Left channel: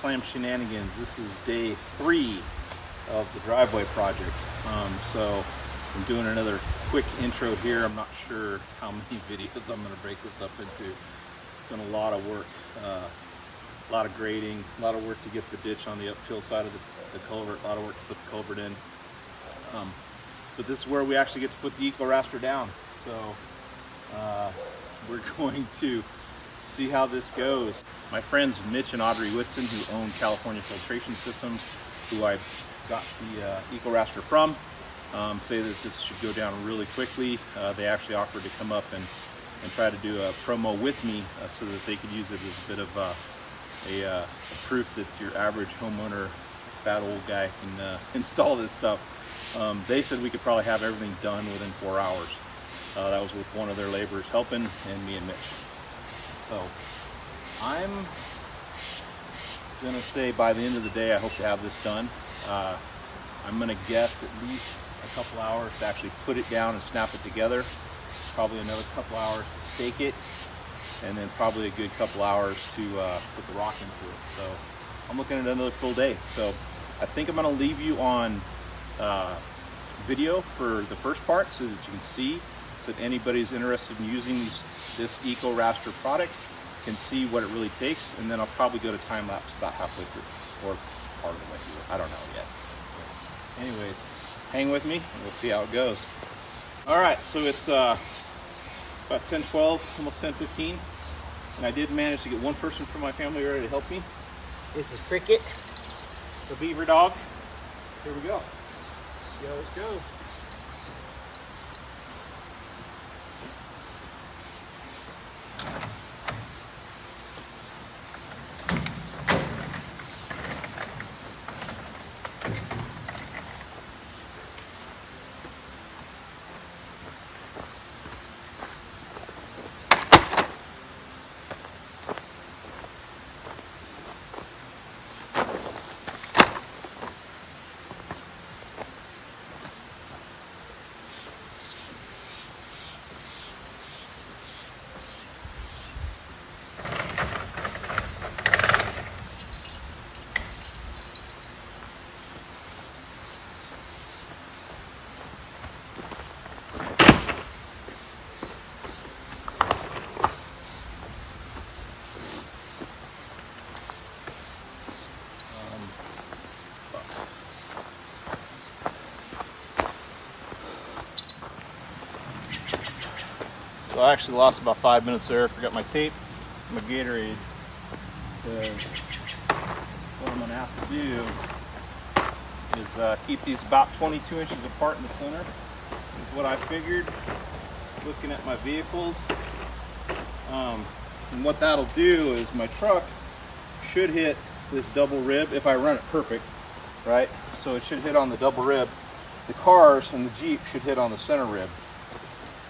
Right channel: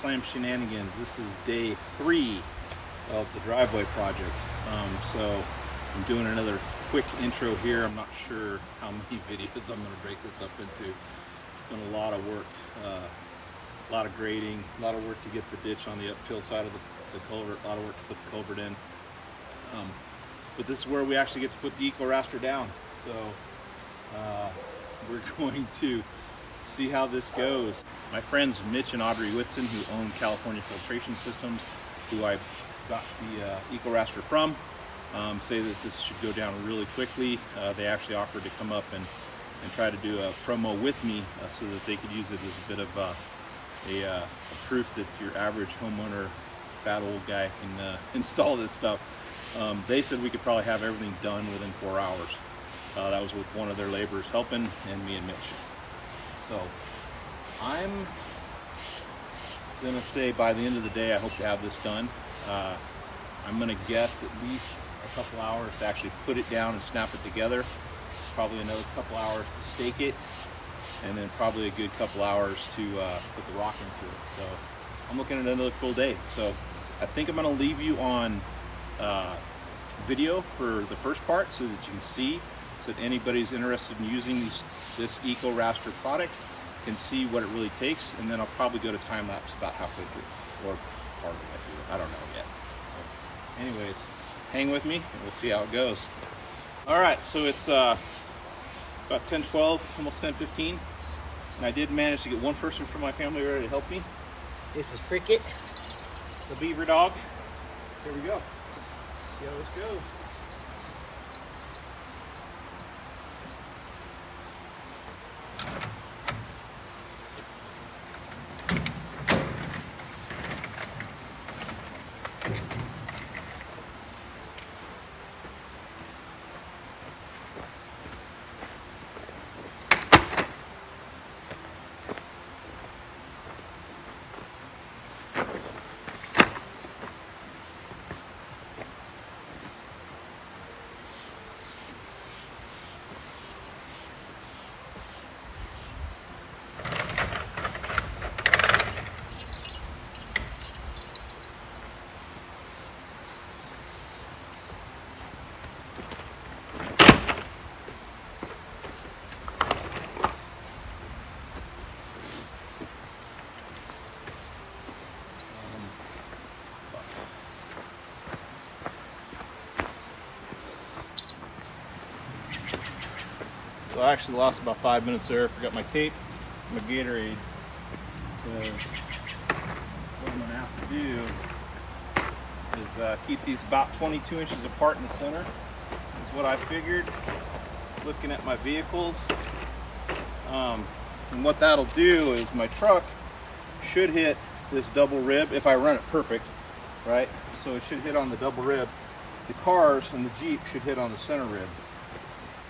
Slam Shenanigans. This is day 3 of the driveway project. So I'm doing another quick intro here. I'm not sure how many videos I'm going to break this up into. It's been a lot of work, a lot of grading, a lot of work to get the ditch on the uphill side of the culvert, a lot of work to put the culvert in. But this is where we actually get to put the Eco Raster down. So we're going to see how this goes. My friends Mitch and Audrey Whitson, who own California Filtration Systems, who I got the Eco Raster from, say that this should go down really quickly. They actually offered to come up and try to do a promo with me so that they could use it as a bit of a proof that your average homeowner, fat old guy, can install this stuff. They said we could probably have everything done within 4 hours. That was with one of their laborers helping, and me and Mitch. So I'm gonna say by the end of the day I hope to have this done. I'm gonna guess at least a couple hours to actually put it down and snap it together, probably another couple hours to stake it, and then probably a good couple hours to put the rock into it. So I'm looking at another full day. So I think I'm gonna leave you on video for the first part so that you can see, so that anybody's interested in using this Eco Raster product can see what it really takes, and then I'll probably go to time lapse about halfway through, or part of the way through. I don't know yet. But anyways, hang with me and we'll see how it goes. All right, so it's about 10:12, almost 10:15, and I did manage to get one person from my family ready to help me. This is Cricket, the beaver dog. Here we go. See how this goes. So I actually lost about 5 minutes there. Forgot my tape, my Gatorade. So what I'm gonna have to do is keep these about 22 inches apart in the center. Is what I figured, looking at my vehicles. And what that'll do is my truck should hit this double rib if I run it perfect, right? So it should hit on the double rib. The cars and the Jeep should hit on the center rib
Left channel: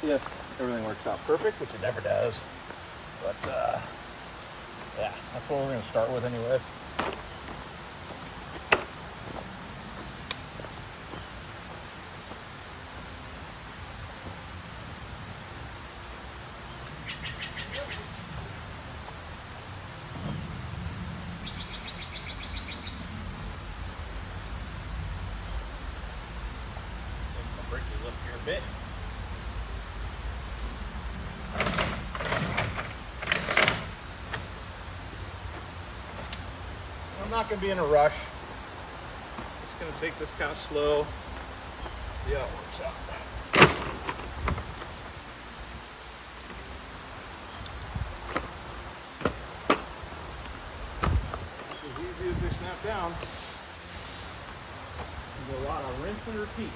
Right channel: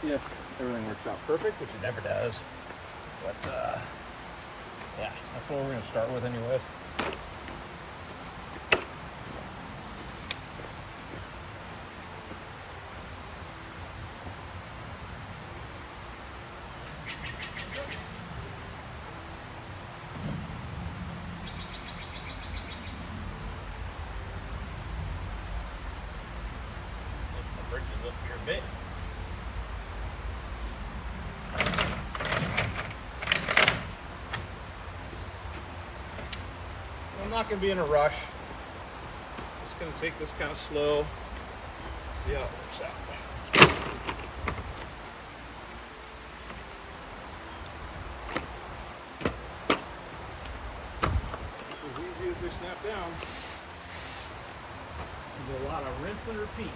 if everything works out perfect, which it never does. But yeah, that's what we're going to start with anyway. My brakes are up here a bit. I'm not going to be in a rush. It's going to take this kind of slow. See how it works out. It's as easy as they snap down. There's a lot of rinse and repeat.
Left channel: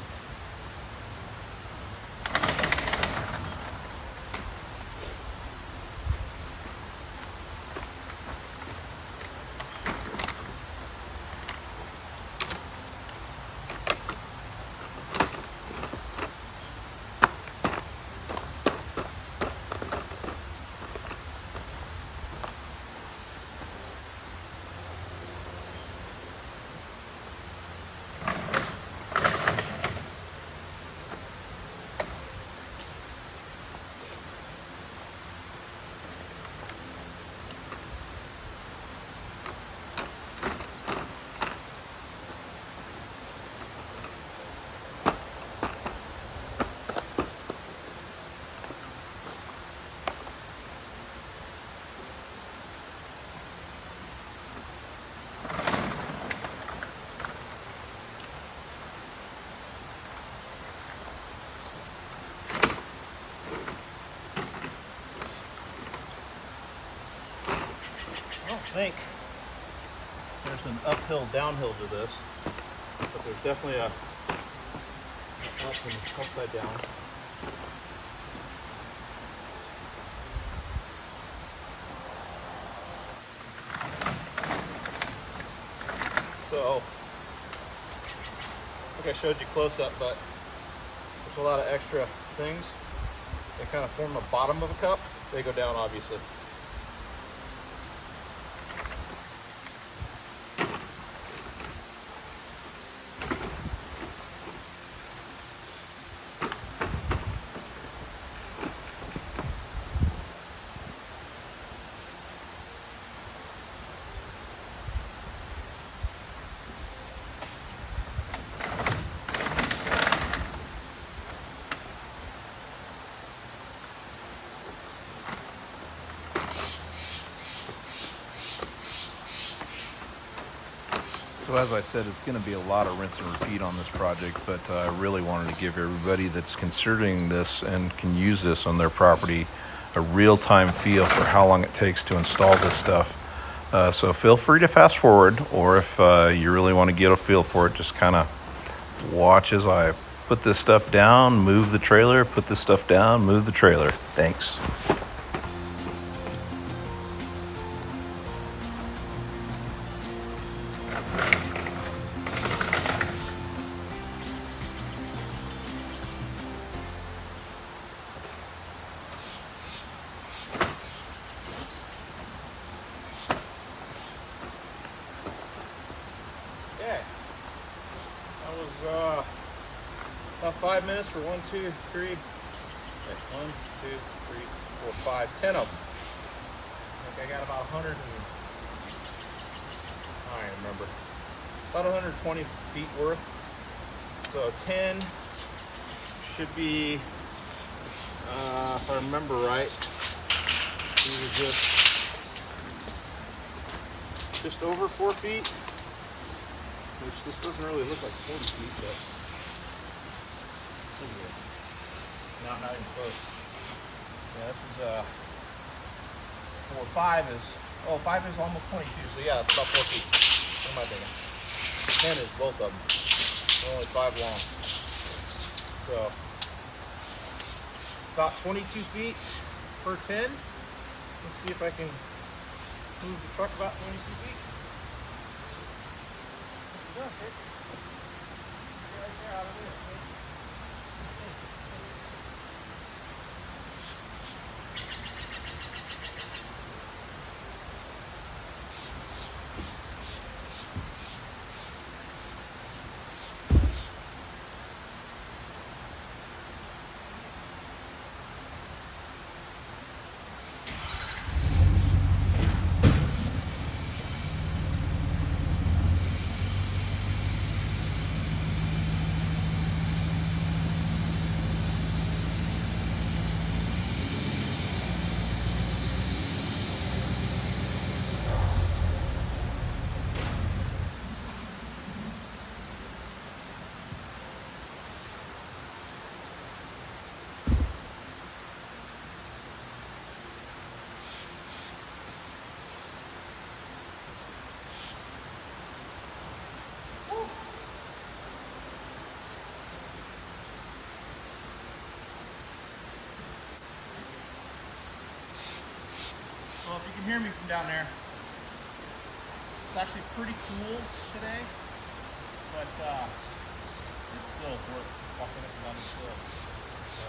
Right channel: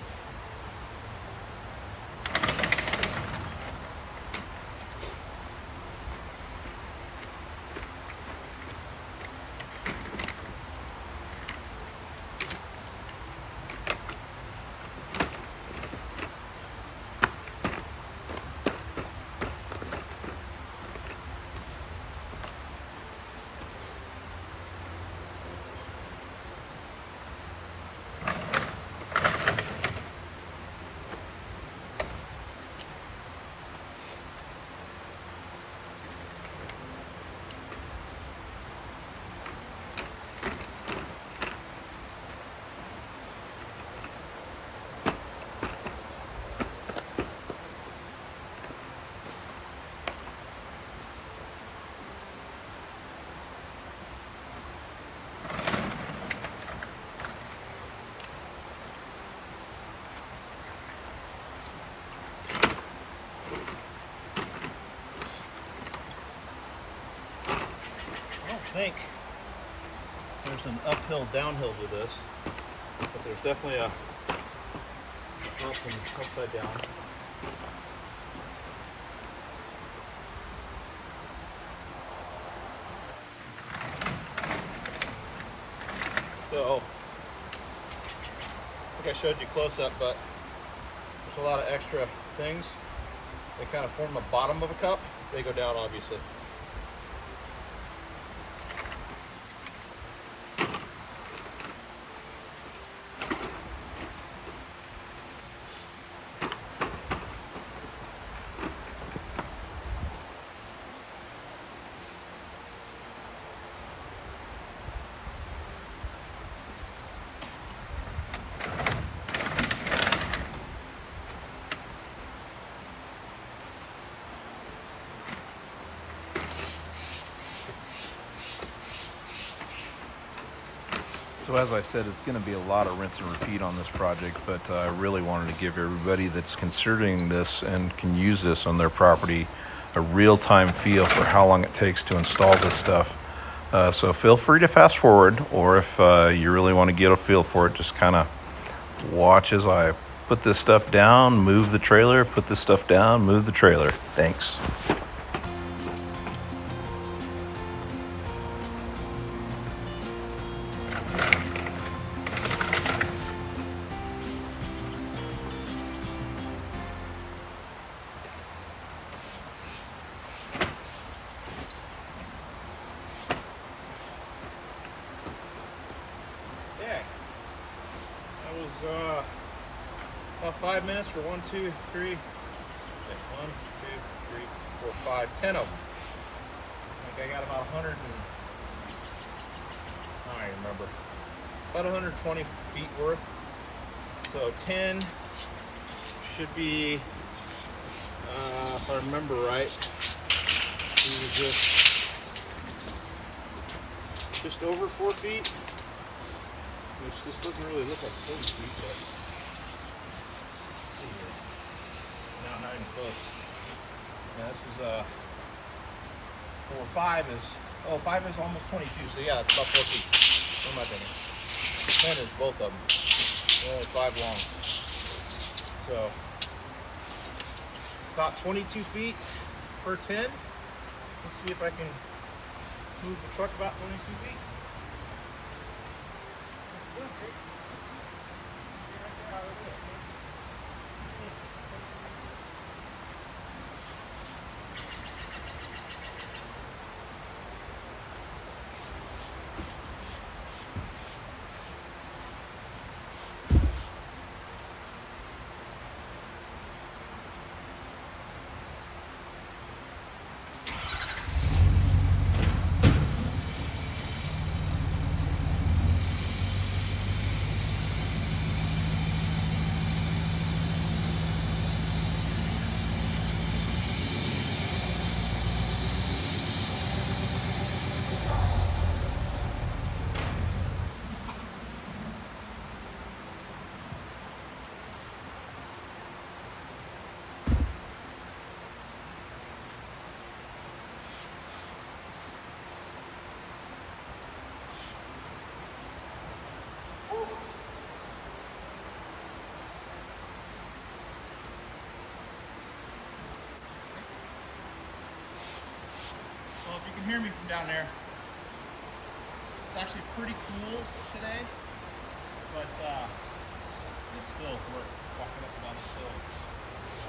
there's an uphill, downhill to this, but there's definitely a up and upside down. So, I think I showed you close up, but there's a lot of extra things. They kind of form the bottom of a cup. They go down, obviously. So as I said, it's going to be a lot of rinse and repeat on this project, but I really wanted to give everybody that's considering this and can use this on their property a real-time feel for how long it takes to install this stuff. So feel free to fast forward, or if you really want to get a feel for it, just kind of watch as I put this stuff down, move the trailer, put this stuff down, move the trailer. Thanks. That was about 5 minutes for 1, 2, 3. Wait, 1, 2, 3, 4, 5, 10 of them. I think I got about 100 and I don't even remember. About 120 feet worth. So 10 should be, if I remember right, these are just over 4 feet. Which this doesn't really look like 40 feet, but see here. Not even close. Yeah, this is 4, 5 is, oh, 5 is almost 22, so yeah, it's about 4 feet. What am I thinking? 10 is both of them. They're only 5 long. So, about 22 feet per 10. Let's see if I can move the truck about 22 feet. Yeah, okay. Get right there out of there, okay? Well, if you can hear me from down there, it's actually pretty cool today, but it's still worth walking up and down the hill. So.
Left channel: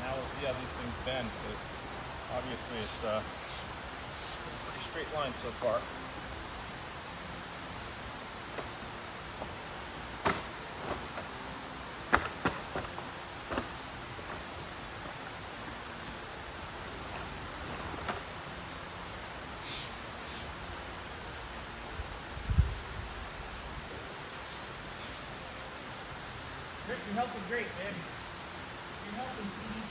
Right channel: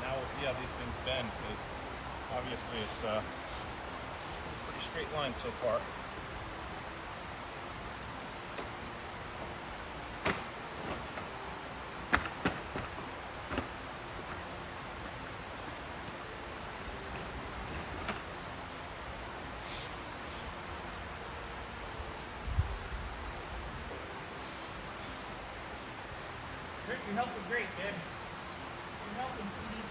Now we'll see how these things bend, because obviously it's a pretty straight line so far. Rick, you're helping great, babe. You're helping, sweetie.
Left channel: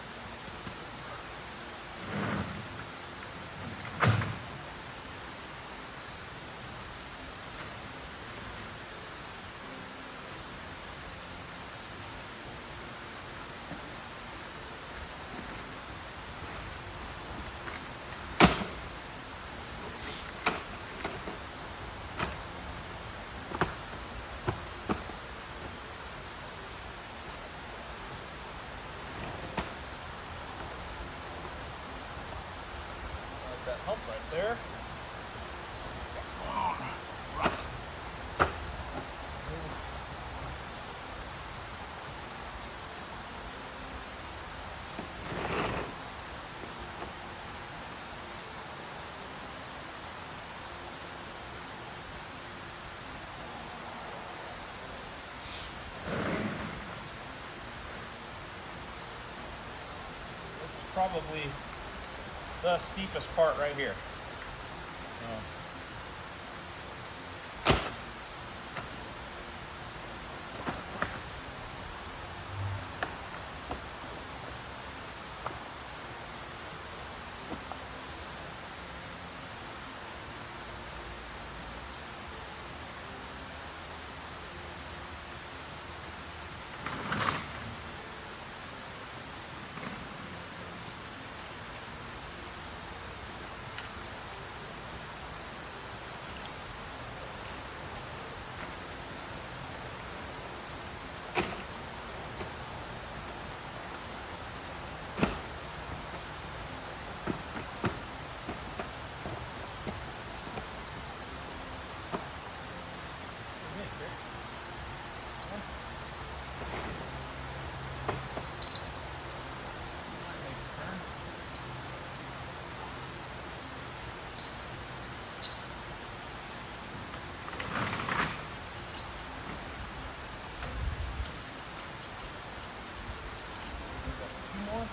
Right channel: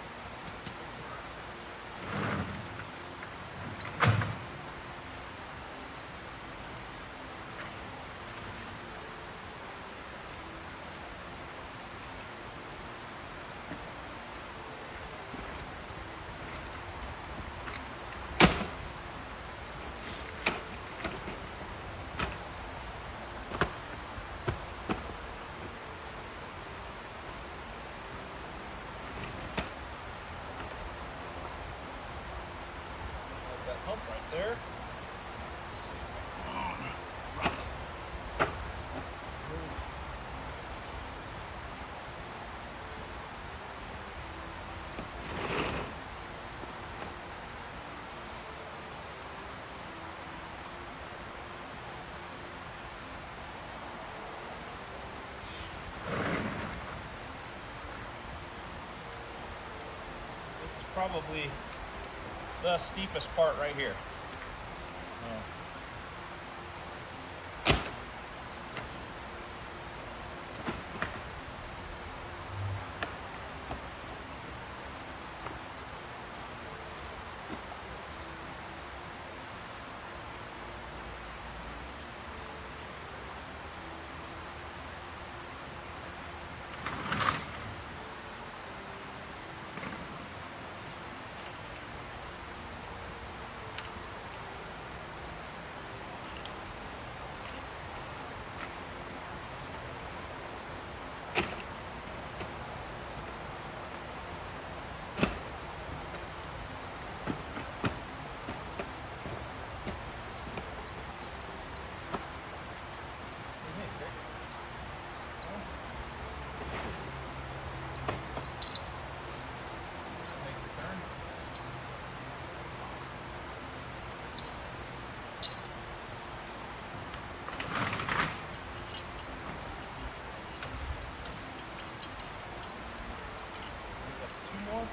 there. This is probably the steepest part right here. More.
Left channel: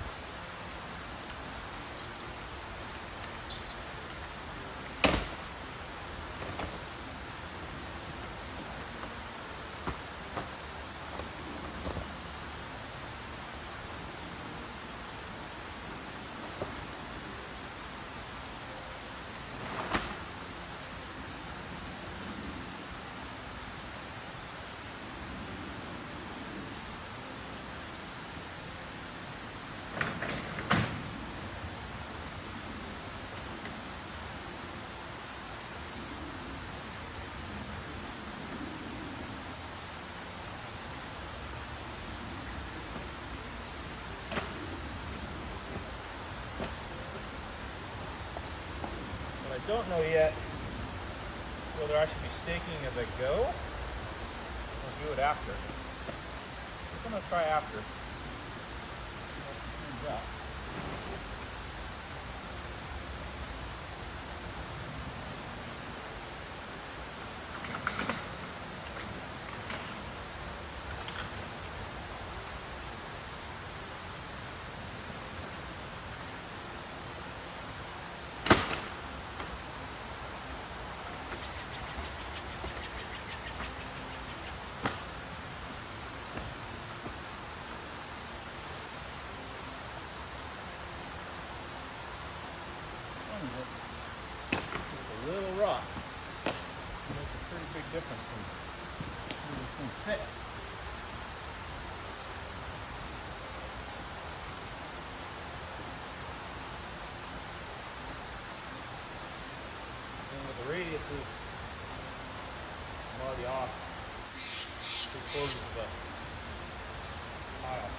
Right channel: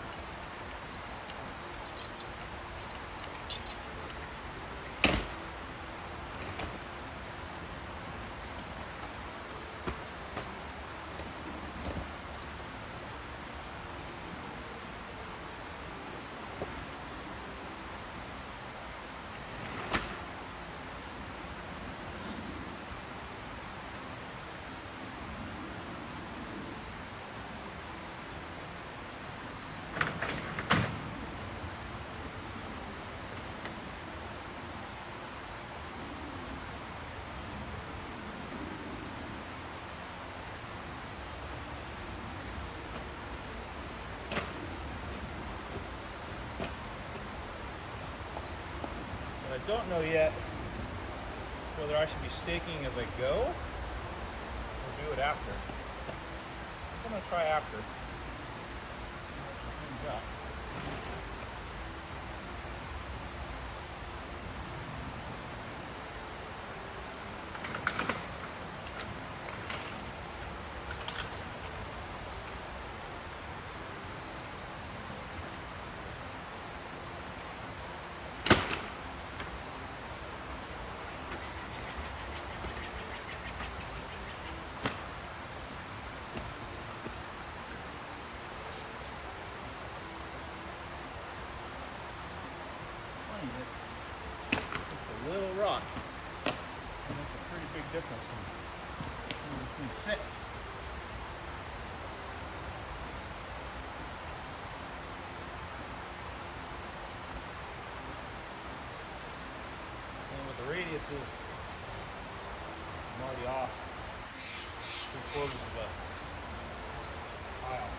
I don't know yet whether I should be staking as I go or do it after. I think I'm going to try after. See how it turns out. That just a little rock can make a pretty big difference in where this thing fits. And with the radiuses, I'm already off 3/4 of a tile.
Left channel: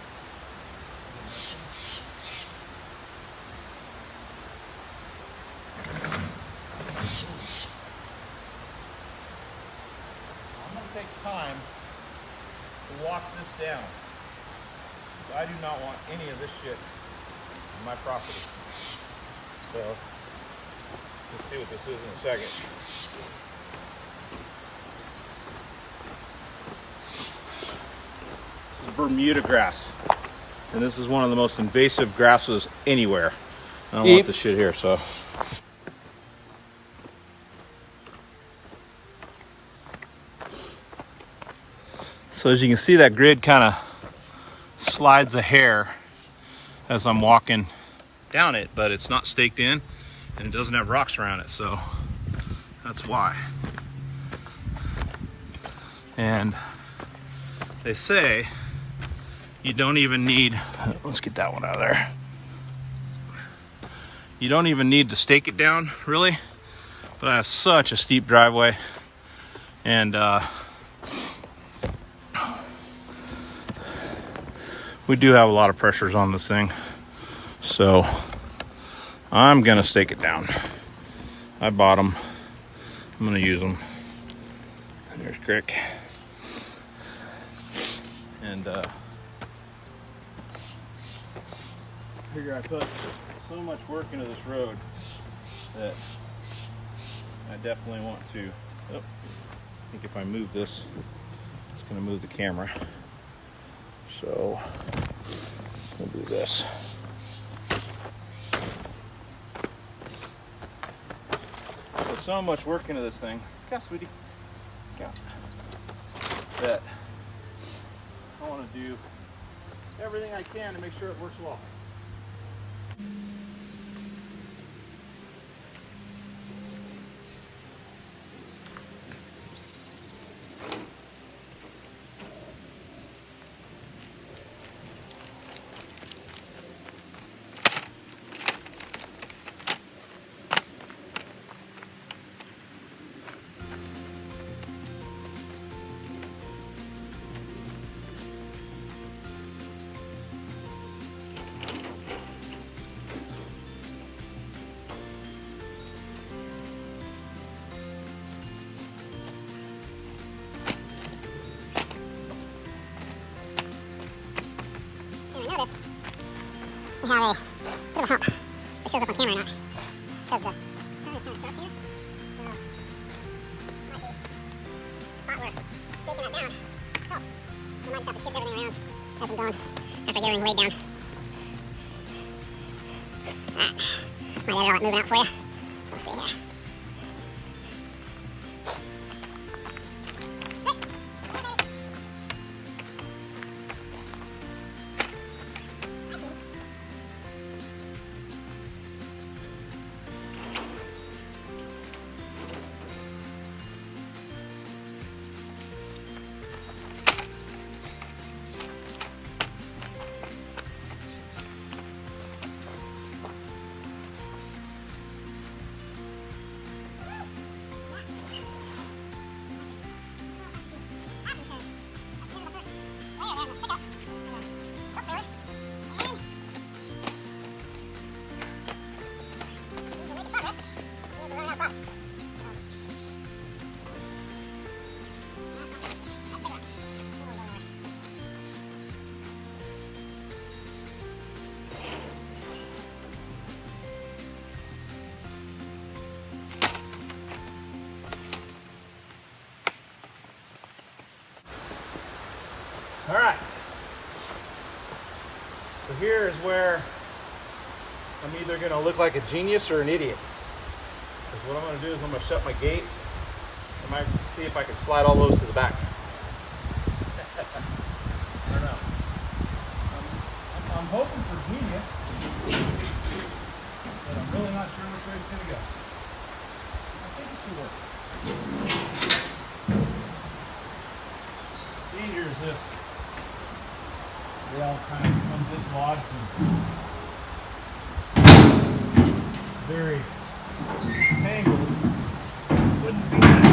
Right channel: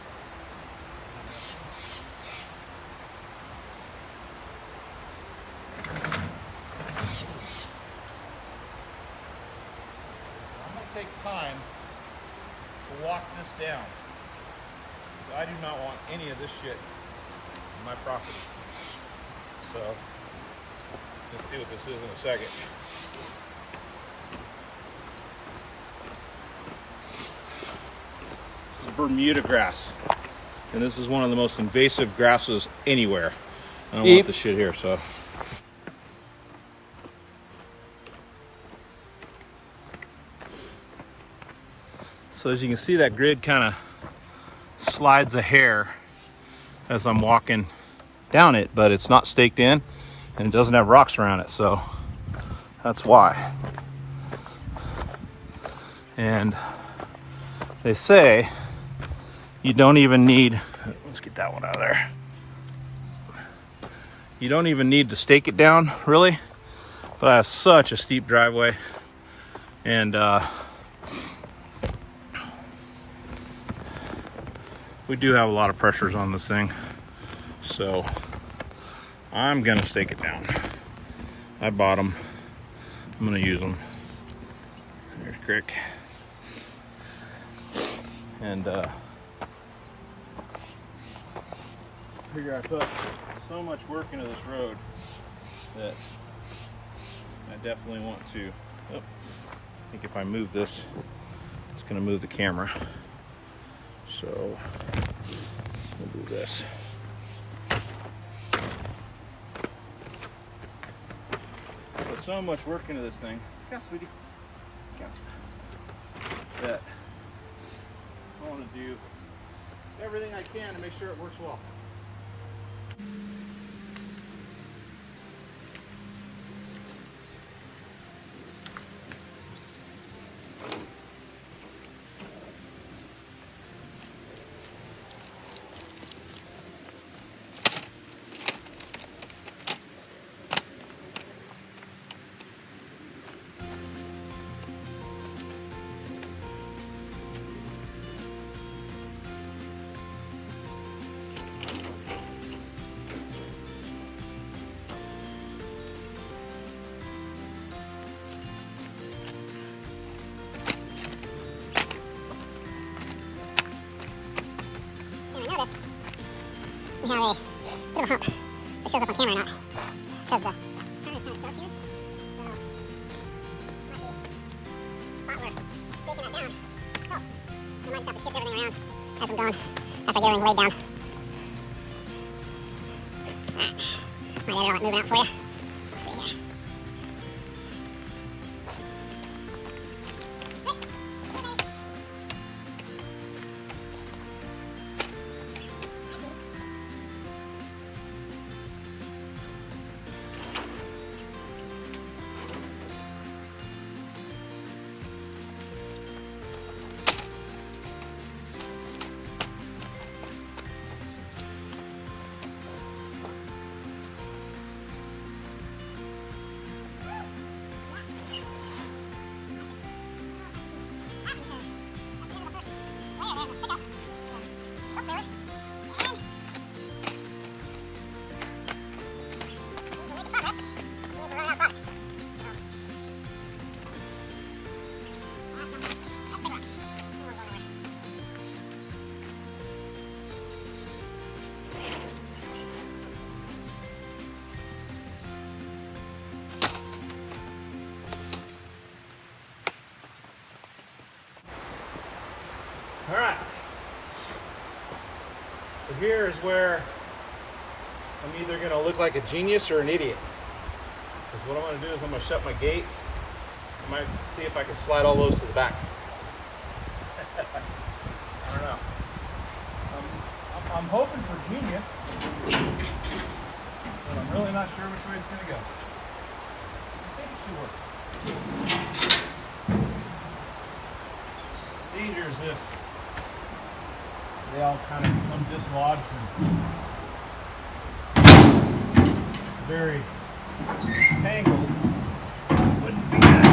Take time to walk this down because I do not want any of this shit on my property. So let's see what this is in a second. This is Bermuda grass, and this is one of the most invasive grasses anywhere. I don't want this shit here, so. So as you can see, that grid kind of slides a hair as I'm walking down it, but it's not staked in and it doesn't have rocks around it, so that's why. And they say you don't even need, let's get that one out of there. You don't even need to stake it down, really, but I have such a steep driveway, and we do have a lot of pressures on this thing, so I'm gonna stake it down. I bought them. I'm gonna use them. There's Crick. And I figure I put so much work into this road that I definitely want to. Oh, I think if I move this, it's gonna move the camera. So we'll do this. Put so much work into this thing. Come, sweetie. Come. That I want to do everything I can to make sure it works well. Notice we have a bit of a hump. If it shows up on camera or not. Because the turn is kind of sharp here. So might be a spot where staking that down helps. We might just have to shift everything around as I'm going after I get everything laid down. Alright. Might edit all that moving out for you. Let's see here. All right. So here is where I'm either going to look like a genius or an idiot. Because what I'm going to do is I'm going to shut my gates. I might see if I can slide all those to the back. I don't know. I'm hoping for genius, but I'm really not sure which way it's going to go. I think it should work. Danger is if they all kind of come dislodged and very tangled. Wouldn't be that.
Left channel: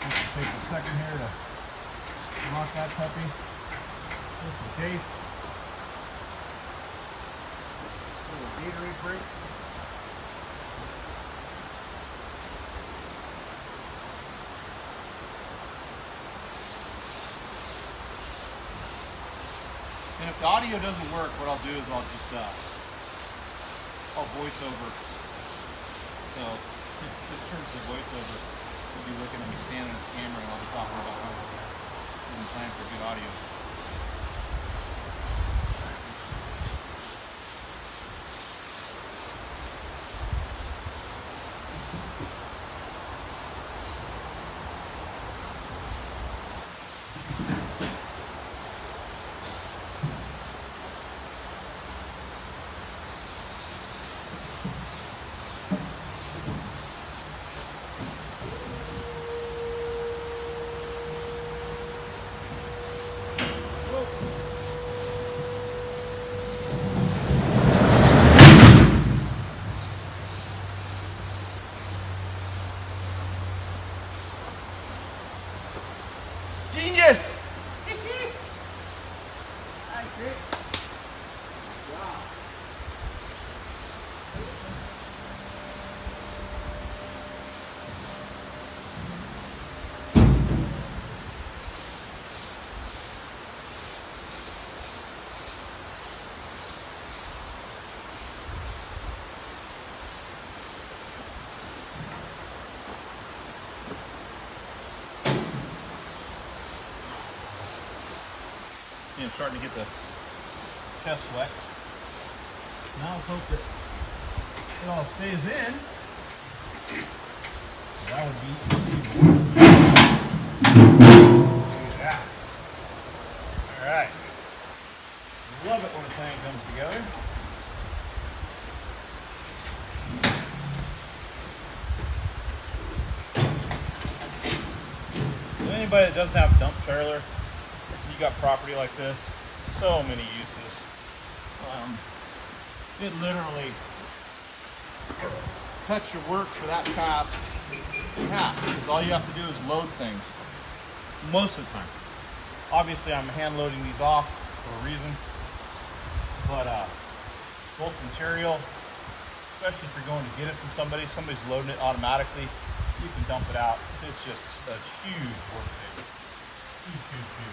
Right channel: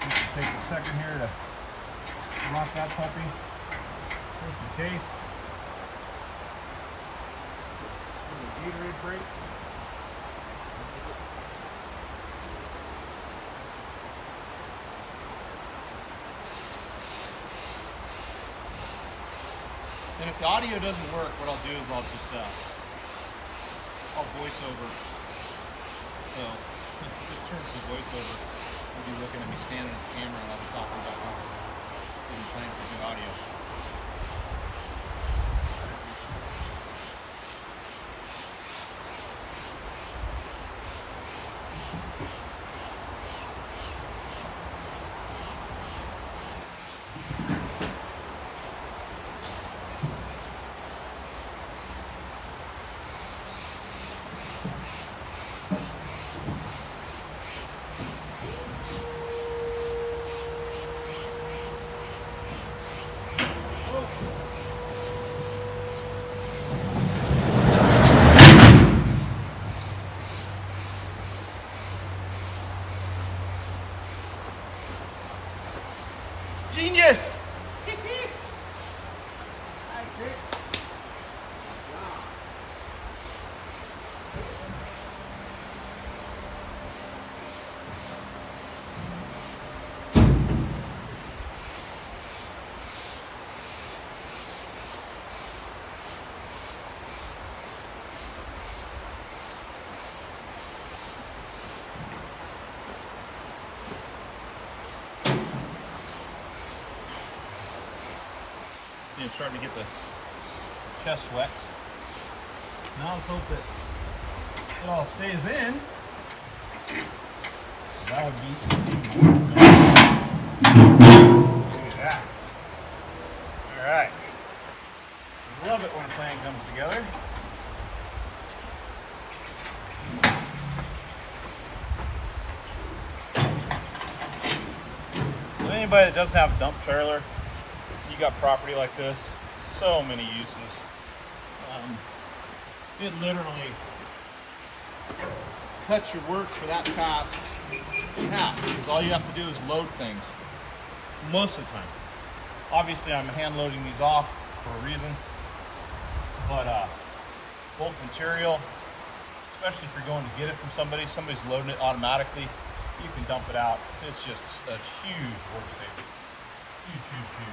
Just take a second here to lock that puppy just in case. There's a Gatorade break. And if the audio doesn't work, what I'll do is I'll just I'll voice over. So just turns to voiceover. You'll be looking at me standing at the camera, and I'll be talking about how I didn't plan for good audio. Genius! Hi, Crick. Good job. See, I'm starting to get the chest wet. Now let's hope that it all stays in. That would be even worse, man. Look at that. All right. Love it when a plan comes together. So anybody that doesn't have a dump trailer, you got property like this, so many uses. It literally cuts your work for that task in half, because all you have to do is load things most of the time. Obviously, I'm hand loading these off for a reason, but bulk material, especially if you're going to get it from somebody, somebody's loading it automatically, you can dump it out. It's just a huge work saver. Huge, huge, huge.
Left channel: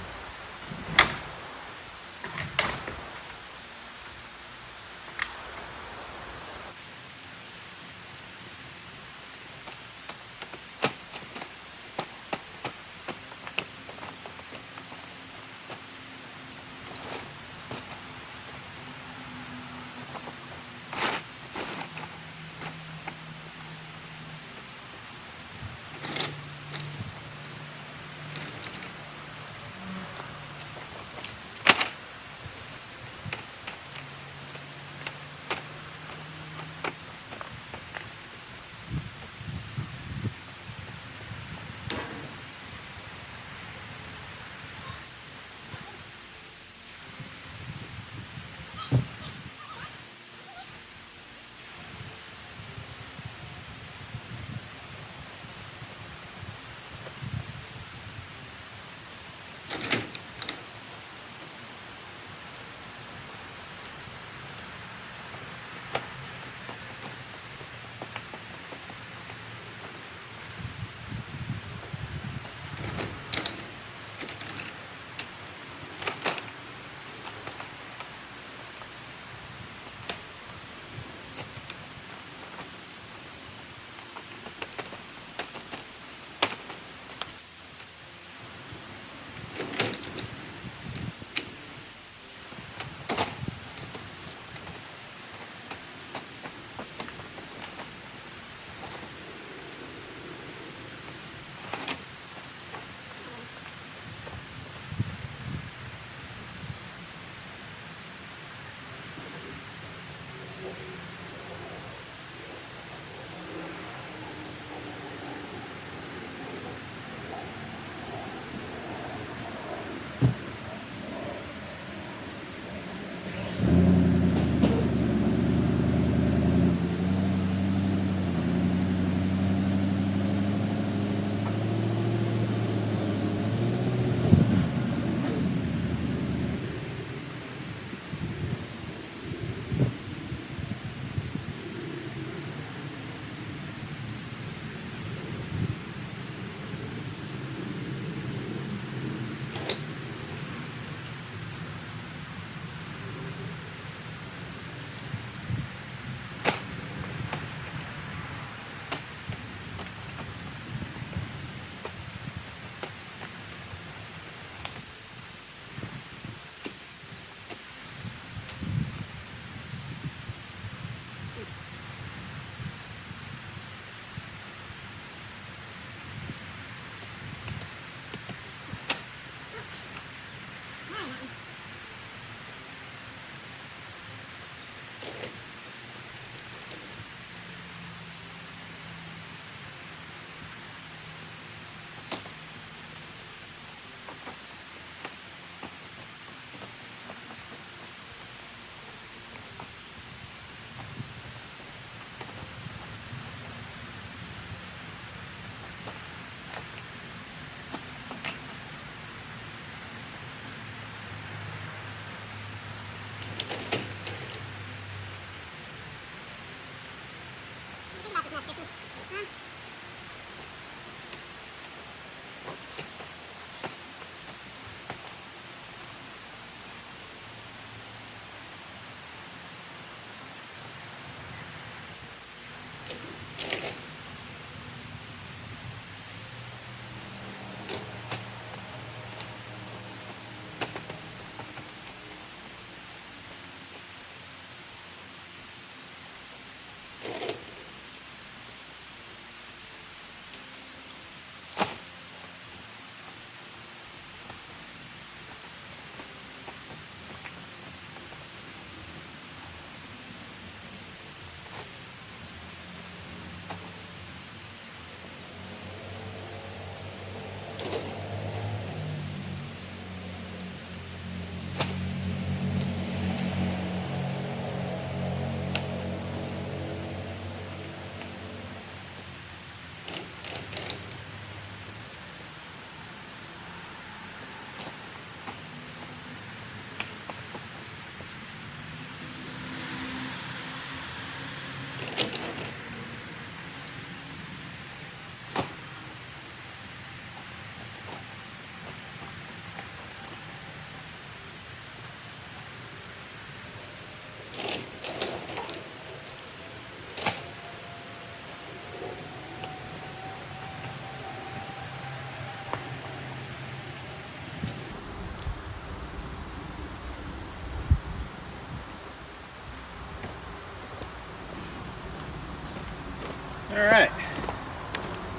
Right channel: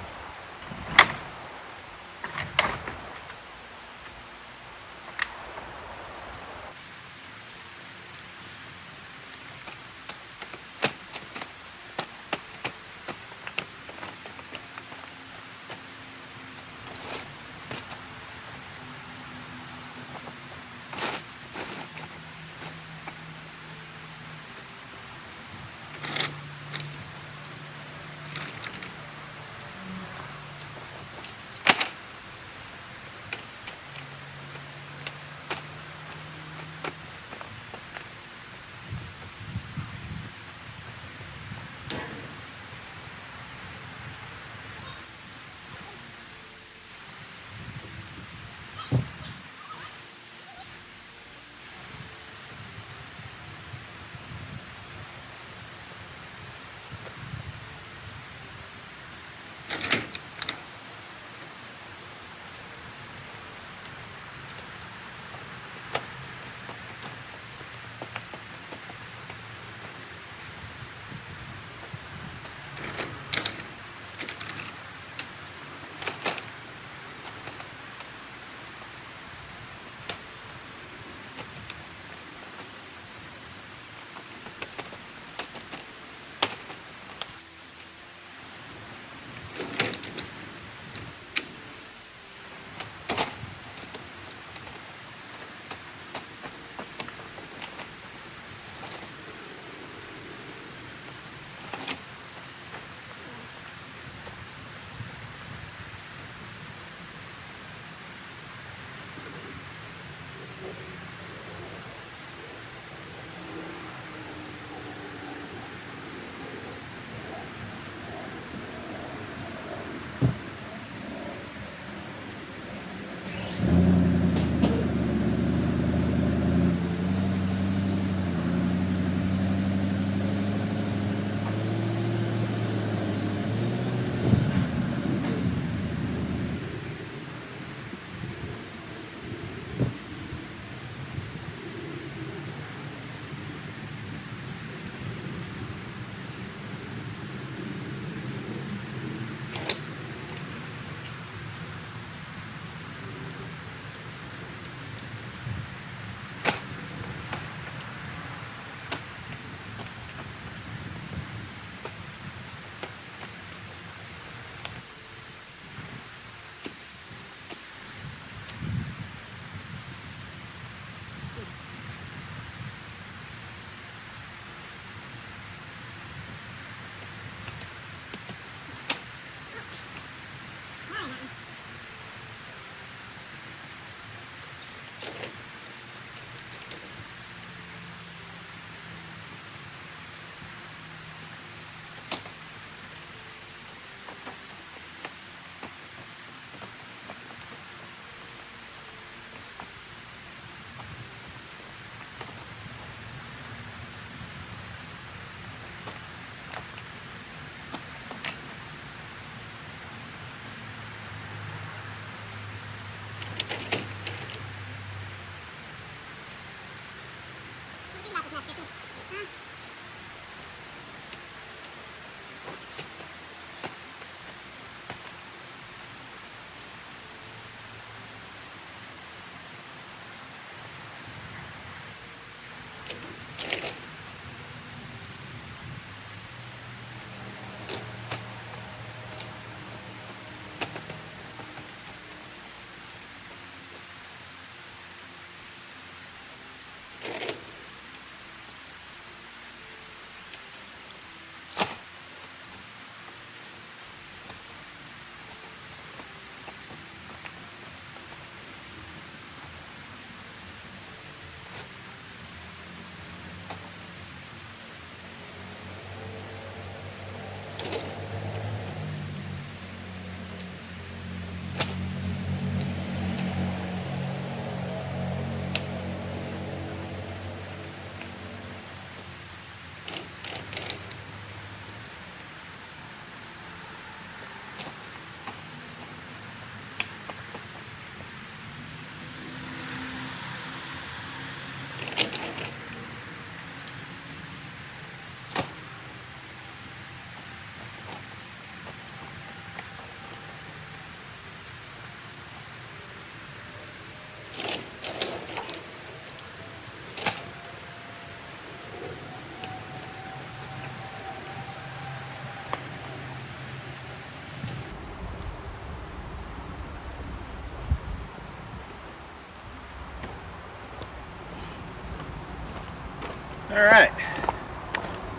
All right,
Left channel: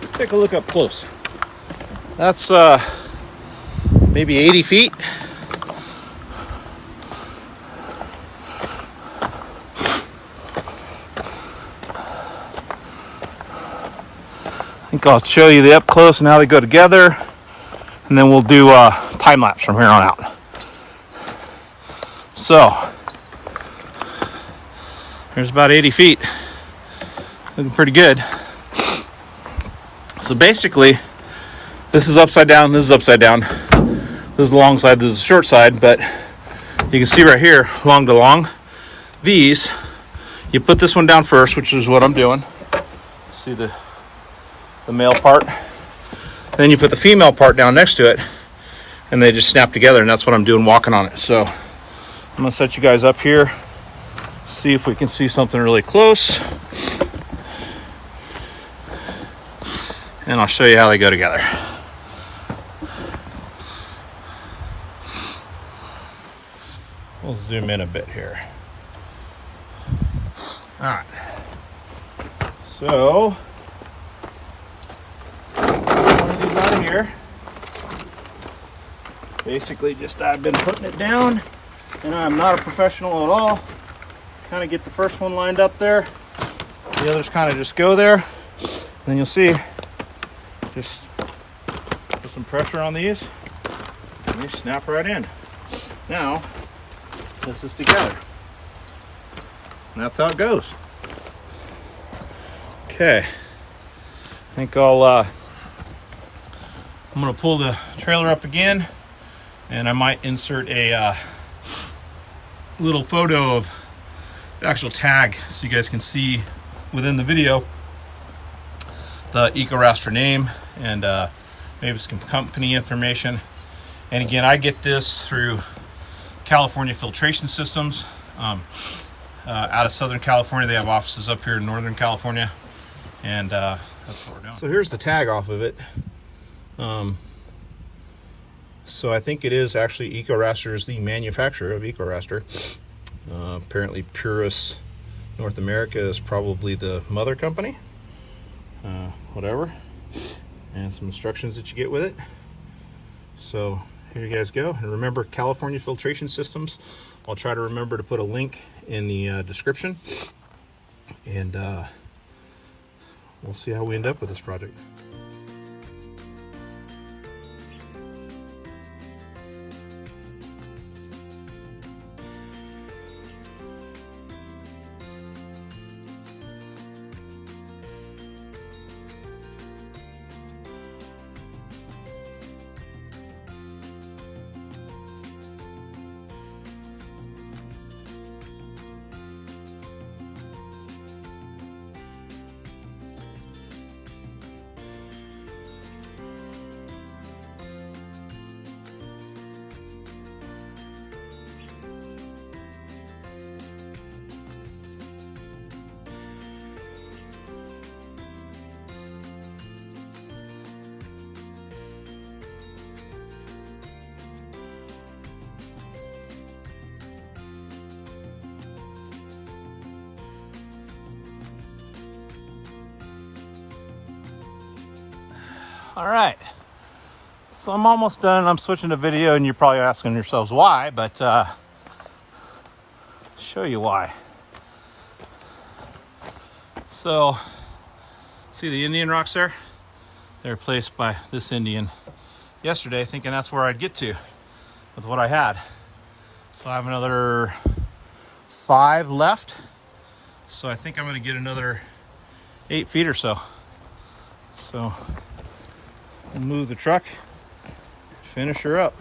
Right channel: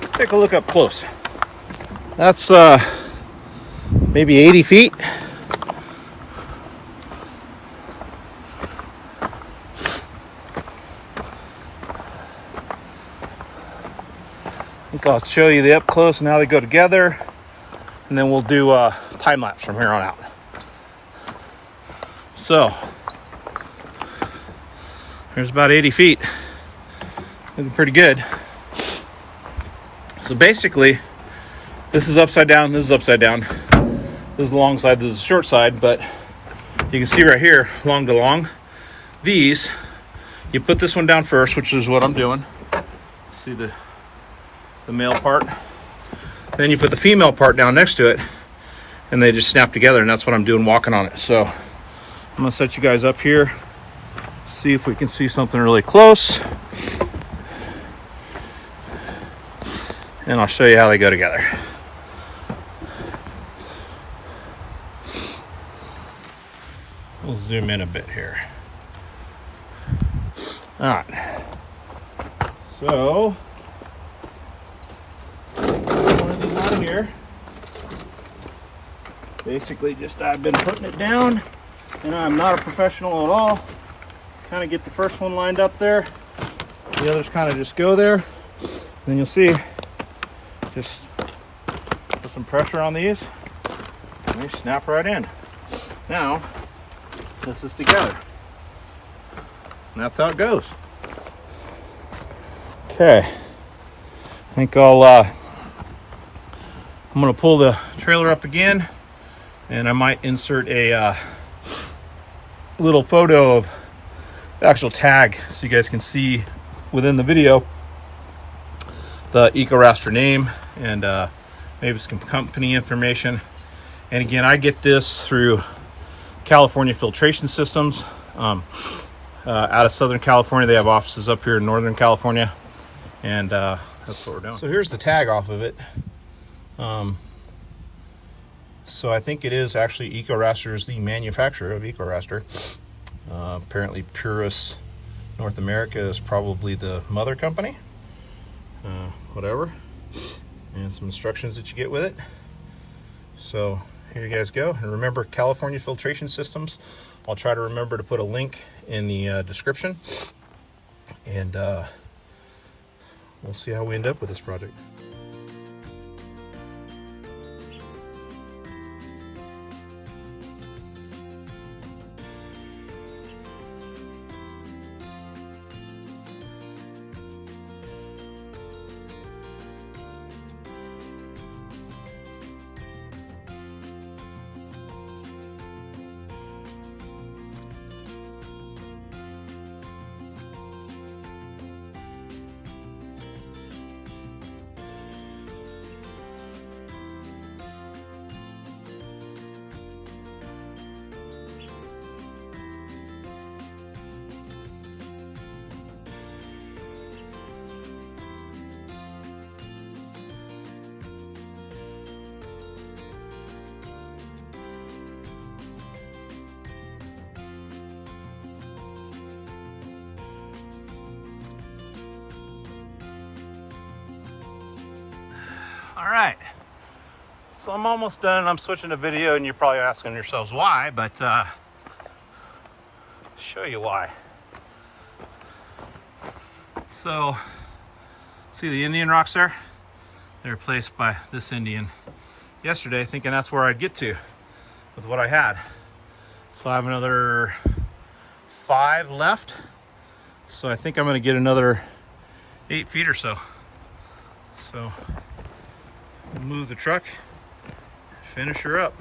let's take a look up close. That's maybe 80 feet. I think I'll show you the up close and how they go together, and then we'll do time lapse from here on out. So there's about 80 feet. Looking pretty good. So basically, this is upside down, this is upside down. This is the long side, this is the short side, but you can see right here, long to long, these, you put this one down first, which is what I'm doing. See the male part? Then you put the female part down next to it, and they just snap together, and that's what I'm doing walking on it. So I'm gonna set you guys up here, see if we can see something really close, and I'll show you how they go together. We'll zoom in a bit here. All right. So, one of these out of here. Basically, just I've been putting it down, and I'm not a professional at all. Kind of get the first one lined up there. The others kind of just go there. Then you'll see, just put some pressure on these, and they snap right in. Now, this is together. And that's how it goes. Okay. I think I'm gonna pull the trailer up again, and I might insert a little photo of the actual tag so you guys can see within the video the EcoRaster name and maybe some company information. And again, I get this through California Filtration Systems out of Southern California. They have offices up here in Northern California, and that's what we're doing. So here's the tag off of it. So I think it is actually EcoRaster is the manufacturer of EcoRaster. Apparently Purus North America is probably the mother company. Whatever. And some instructions that you get with it. So here you guys go. And remember, California Filtration Systems. I'll try to remember to put a link in the description. And we'll see how we end up with this project. All right, so I'm almost done. I'm switching to video, and you're probably asking yourselves why, but I'll show you why. So, see the Indian rocks there? They were placed by this Indian yesterday, thinking that's where I'd get to with what I had. So I have another 5 left. So I think I'm gonna get another 8 feet or so. So, move the truck, finish her up.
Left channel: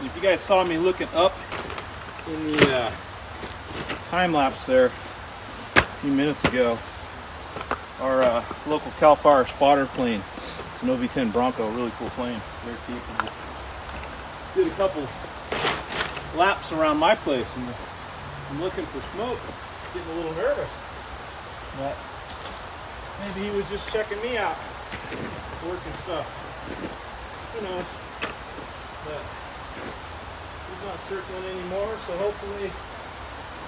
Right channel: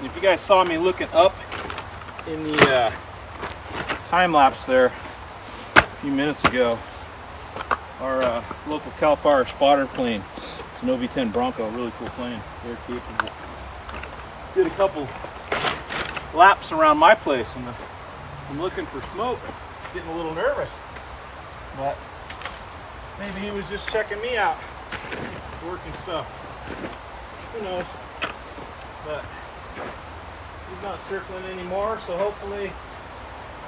And if you guys saw me looking up in the time lapse there a few minutes ago, our local CAL FIRE spotter plane, it's an OV-10 Bronco, really cool plane, very capable. Did a couple laps around my place and I'm looking for smoke, getting a little nervous, but maybe he was just checking me out, working stuff. Who knows? But he's not circling anymore, so hopefully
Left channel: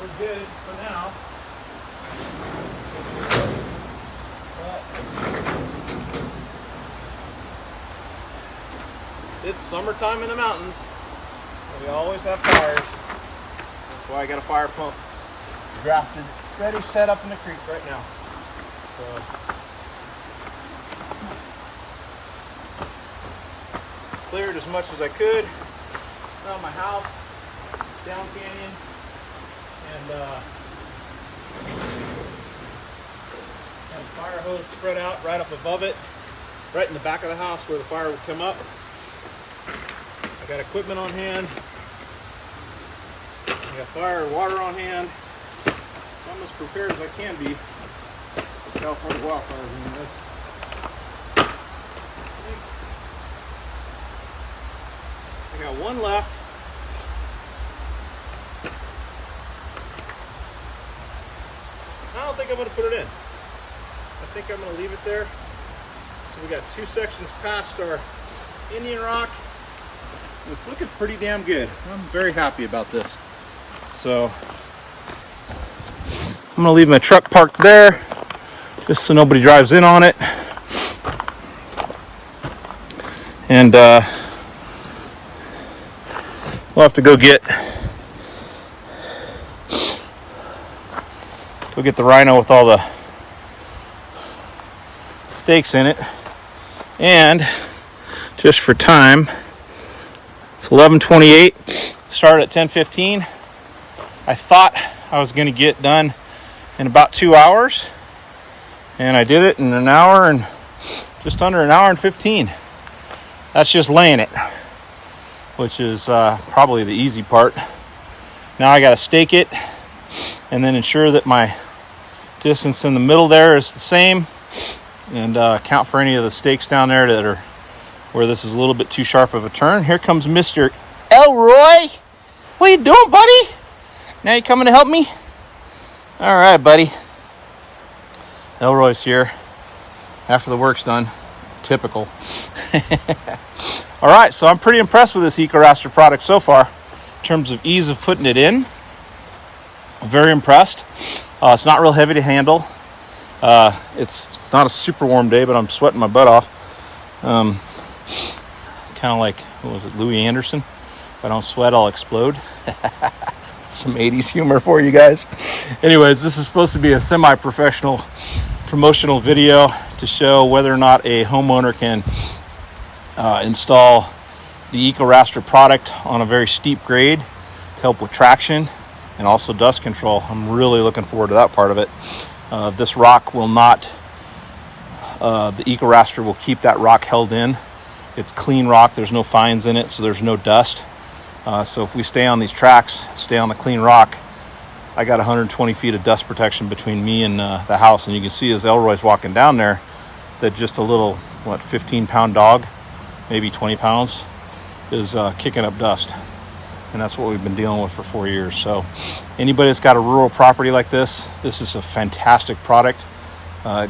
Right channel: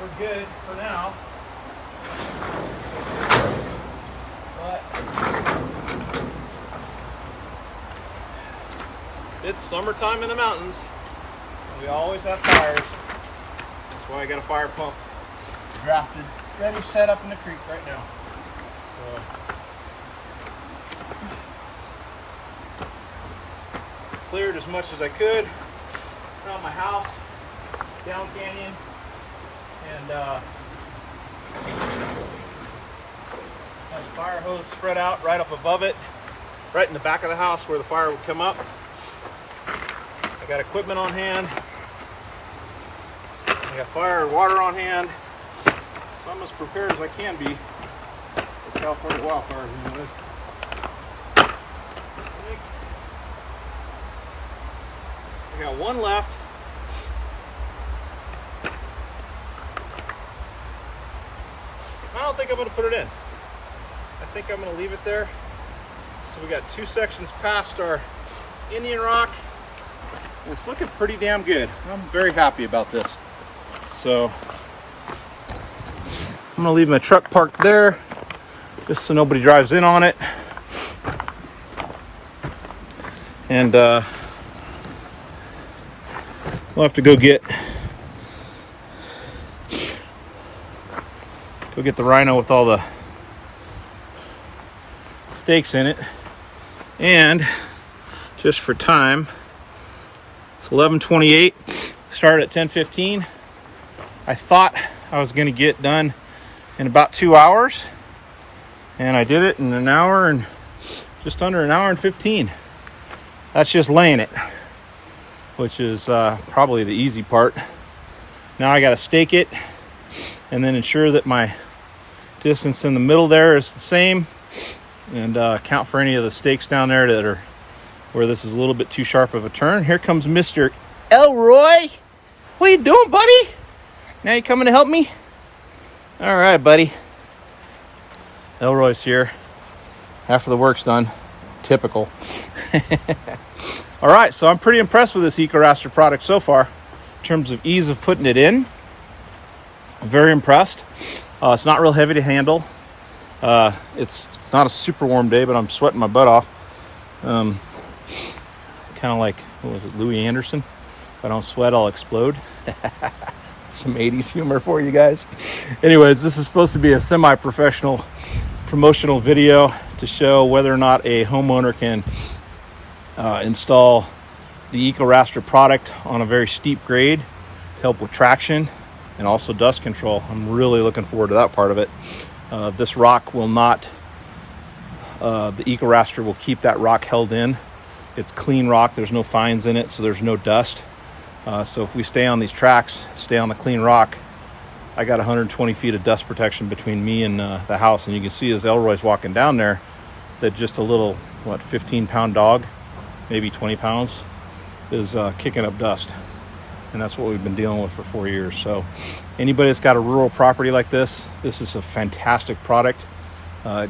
we're good for now. But it's summertime in the mountains, and we always have fires. That's why I got a fire pump drafted, ready, set up in the creek right now. So cleared as much as I could around my house, down canyon, and had a fire hose spread out right up above it, right in the back of the house where the fire would come up. I got equipment on hand. I got fire and water on hand. So I'm as prepared as I can be for California wildfires. You know, I got one left. I don't think I'm going to put it in. I think I'm going to leave it there. So we got 2 sections past our Indian rock. And it's looking pretty damn good. I'm very happy about this. So I'm going to leave my truck parked there just so nobody drives in on it. And we'll have to go get the Rhino with all the stakes in it. And just for time, it's 11:28. Started at 10:15. I thought I was going to get done in about 2 hours, and I did it in an hour and just under an hour and 15. That's just laying it, which is probably the easy part. Now I got to stake it and then ensure that my distance in the middle there is the same, and count for any of the stakes down there that are where this is a little bit too sharp of a turn. Here comes Mr. Elroy. What you doing, buddy? Now you coming to help me? All right, buddy. Elroy's here after the work's done. Typical. All right, so I'm pretty impressed with this EcoRaster product so far in terms of ease of putting it in. I'm very impressed. It's not real heavy to handle. It's not a super warm day, but I'm sweating my butt off. Kind of like, what was it, Louis Anderson? If I don't sweat, I'll explode. Some 80s humor for you guys. Anyways, this is supposed to be a semi-professional promotional video to show whether or not a homeowner can install the EcoRaster product on a very steep grade to help with traction and also dust control. I'm really looking forward to that part of it. This rock will not, the EcoRaster will keep that rock held in. It's clean rock, there's no fines in it, so there's no dust. So if we stay on these tracks, stay on the clean rock, I got 120 feet of dust protection between me and the house. And you can see as Elroy's walking down there that just a little, 15-pound dog, maybe 20 pounds, is kicking up dust. And that's what we've been dealing with for 4 years. So anybody that's got a rural property like this is a fantastic product.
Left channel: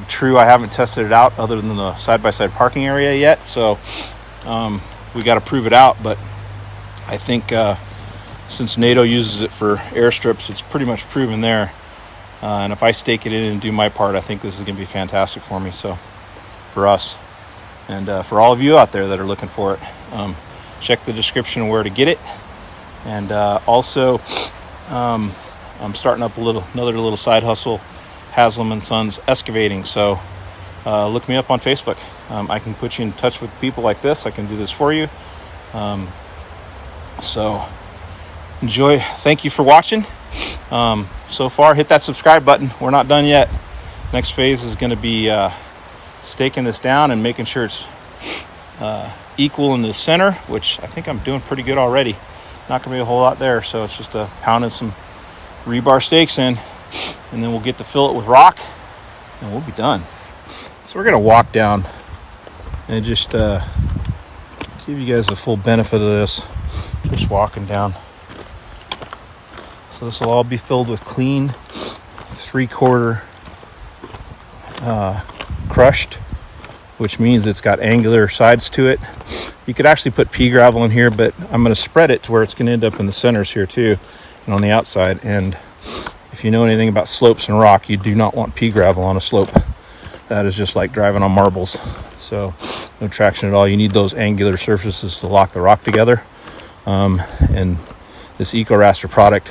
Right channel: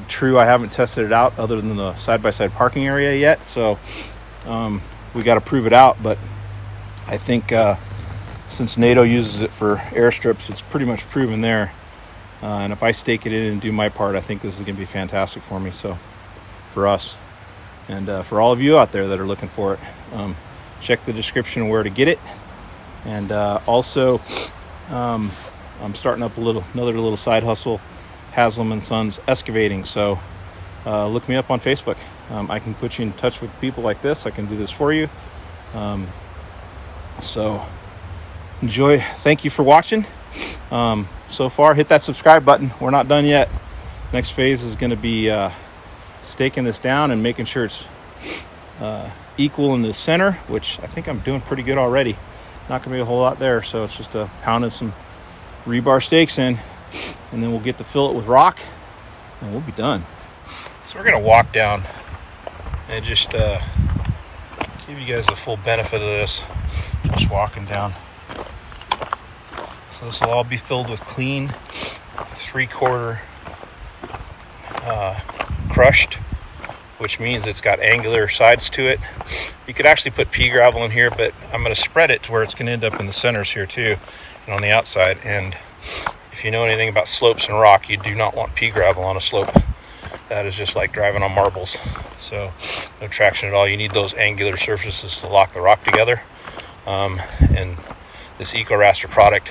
True, I haven't tested it out other than the side-by-side parking area yet. So we got to prove it out. But I think since NATO uses it for airstrips, it's pretty much proven there. And if I stake it in and do my part, I think this is going to be fantastic for me. So for us and for all of you out there that are looking for it, check the description where to get it. And also, I'm starting up another little side hustle, Haslam & Sons Excavating. So look me up on Facebook. I can put you in touch with people like this. I can do this for you. So enjoy. Thank you for watching. So far, hit that subscribe button. We're not done yet. Next phase is going to be staking this down and making sure it's equal in the center, which I think I'm doing pretty good already. not gonna be a whole lot there. So it's just pounding some rebar stakes in, and then we'll get to fill it with rock, and we'll be done. So we're gonna walk down and just give you guys the full benefit of this. Just walking down. So this will all be filled with clean 3/4 crushed, which means it's got angular sides to it. You could actually put pea gravel in here, but I'm going to spread it to where it's going to end up in the centers here too, and on the outside. And if you know anything about slopes and rock, you do not want pea gravel on a slope. That is just like driving on marbles. So no traction at all. You need those angular surfaces to lock the rock together. And this EcoRaster product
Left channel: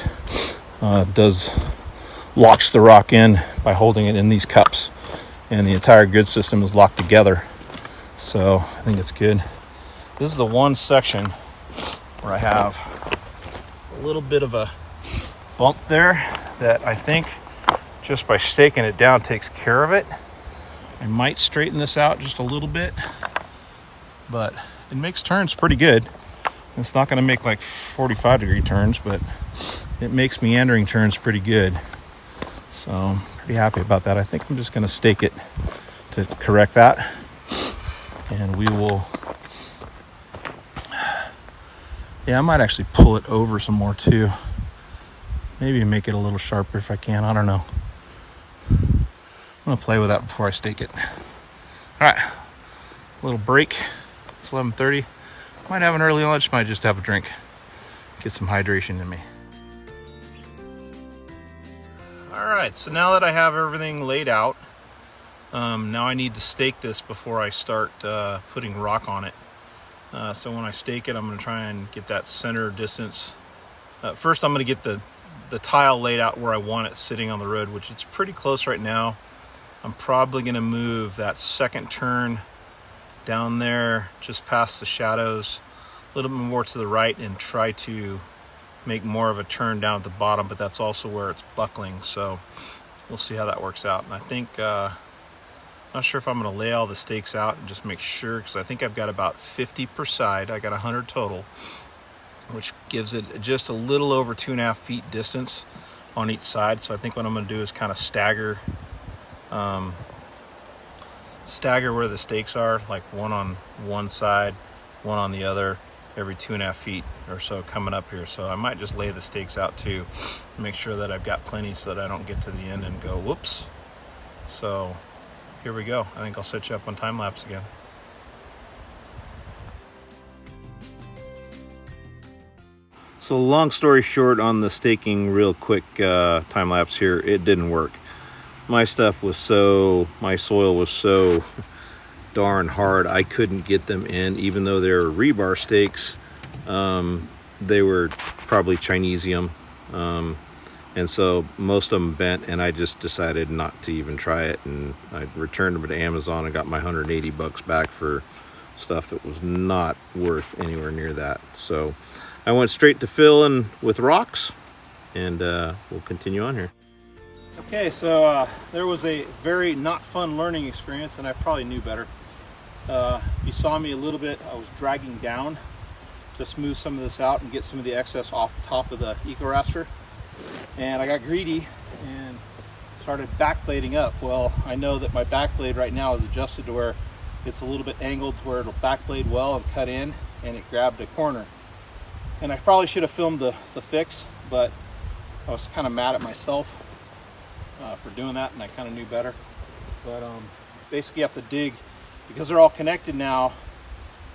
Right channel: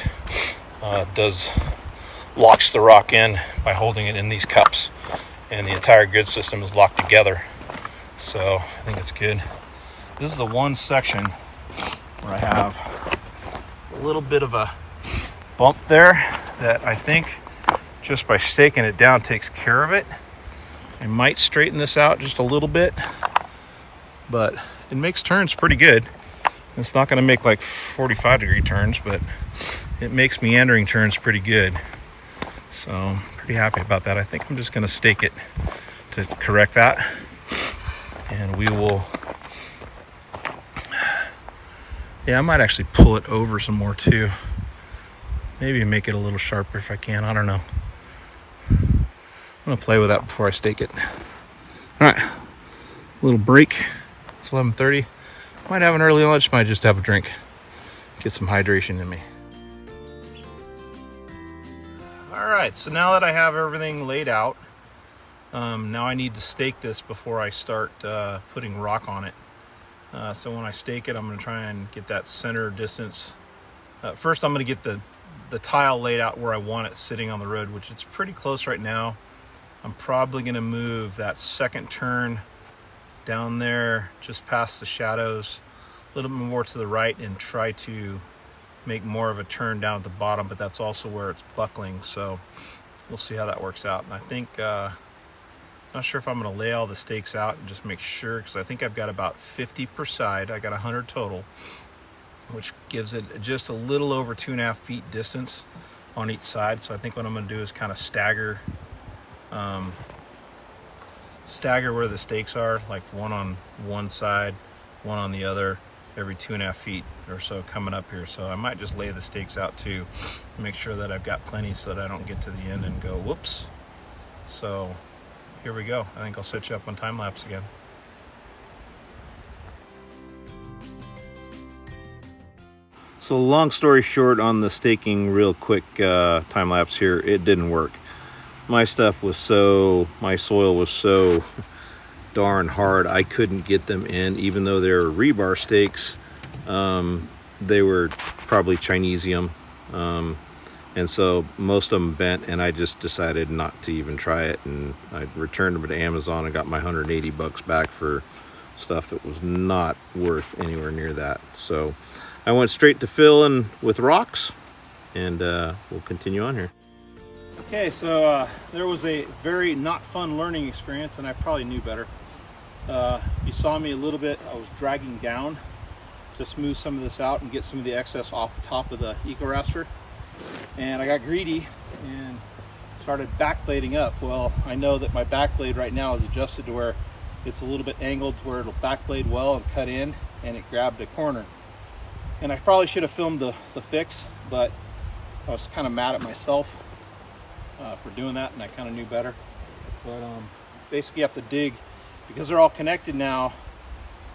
locks the rock in by holding it in these cups, and the entire grid system is locked together. So I think it's good. This is the one section where I have a little bit of a bump there that I think just by staking it down takes care of it. I might straighten this out just a little bit, but it makes turns pretty good. It's not going to make like 45-degree turns, but it makes meandering turns pretty good. So I'm pretty happy about that. I think I'm just going to stake it to correct that, and we will, yeah, I might actually pull it over some more too. Maybe make it a little sharper if I can. I don't know. I'm going to play with that before I stake it. All right, little break. It's 11:30. Might have an early lunch, might just have a drink. Get some hydration in me. All right, so now that I have everything laid out, now I need to stake this before I start putting rock on it. So when I stake it, I'm going to try and get that center distance. First, I'm going to get the tile laid out where I want it sitting on the road, which it's pretty close right now. I'm probably going to move that second turn down there just past the shadows, a little bit more to the right, and try to make more of a turn down at the bottom, but that's also where it's buckling, so we'll see how that works out. And I think not sure if I'm going to lay all the stakes out and just make sure, because I think I've got about 50 per side. I got 100 total, which gives it just a little over 2.5 feet distance on each side. So I think what I'm going to do is kind of stagger where the stakes are, like one on one side, one on the other, every 2.5 feet or so coming up here. So I might just lay the stakes out too, make sure that I've got plenty so that I don't get to the end and go whoops. So here we go. I think I'll set you up on time lapse again. So long story short on the staking, real quick time lapse here, it didn't work. My soil was so darn hard, I couldn't get them in, even though they were rebar stakes. They were probably Chinesium, and so most of them bent, and I just decided not to even try it, and I returned them to Amazon and got my $180 back for stuff that was not worth anywhere near that. So I went straight to filling with rocks, and we'll continue on here. Okay, so there was a very not fun learning experience, and I probably knew better. You saw me a little bit, I was dragging down to smooth some of this out and get some of the excess off the top of the EcoRaster, and I got greedy and started backblading up. Well, I know that my backblade right now is adjusted to where it's a little bit angled to where it'll backblade well and cut in, and it grabbed a corner. And I probably should have filmed the fix, but I was kind of mad at myself for doing that, and I kind of knew better. But basically you have to dig, because they're all connected now.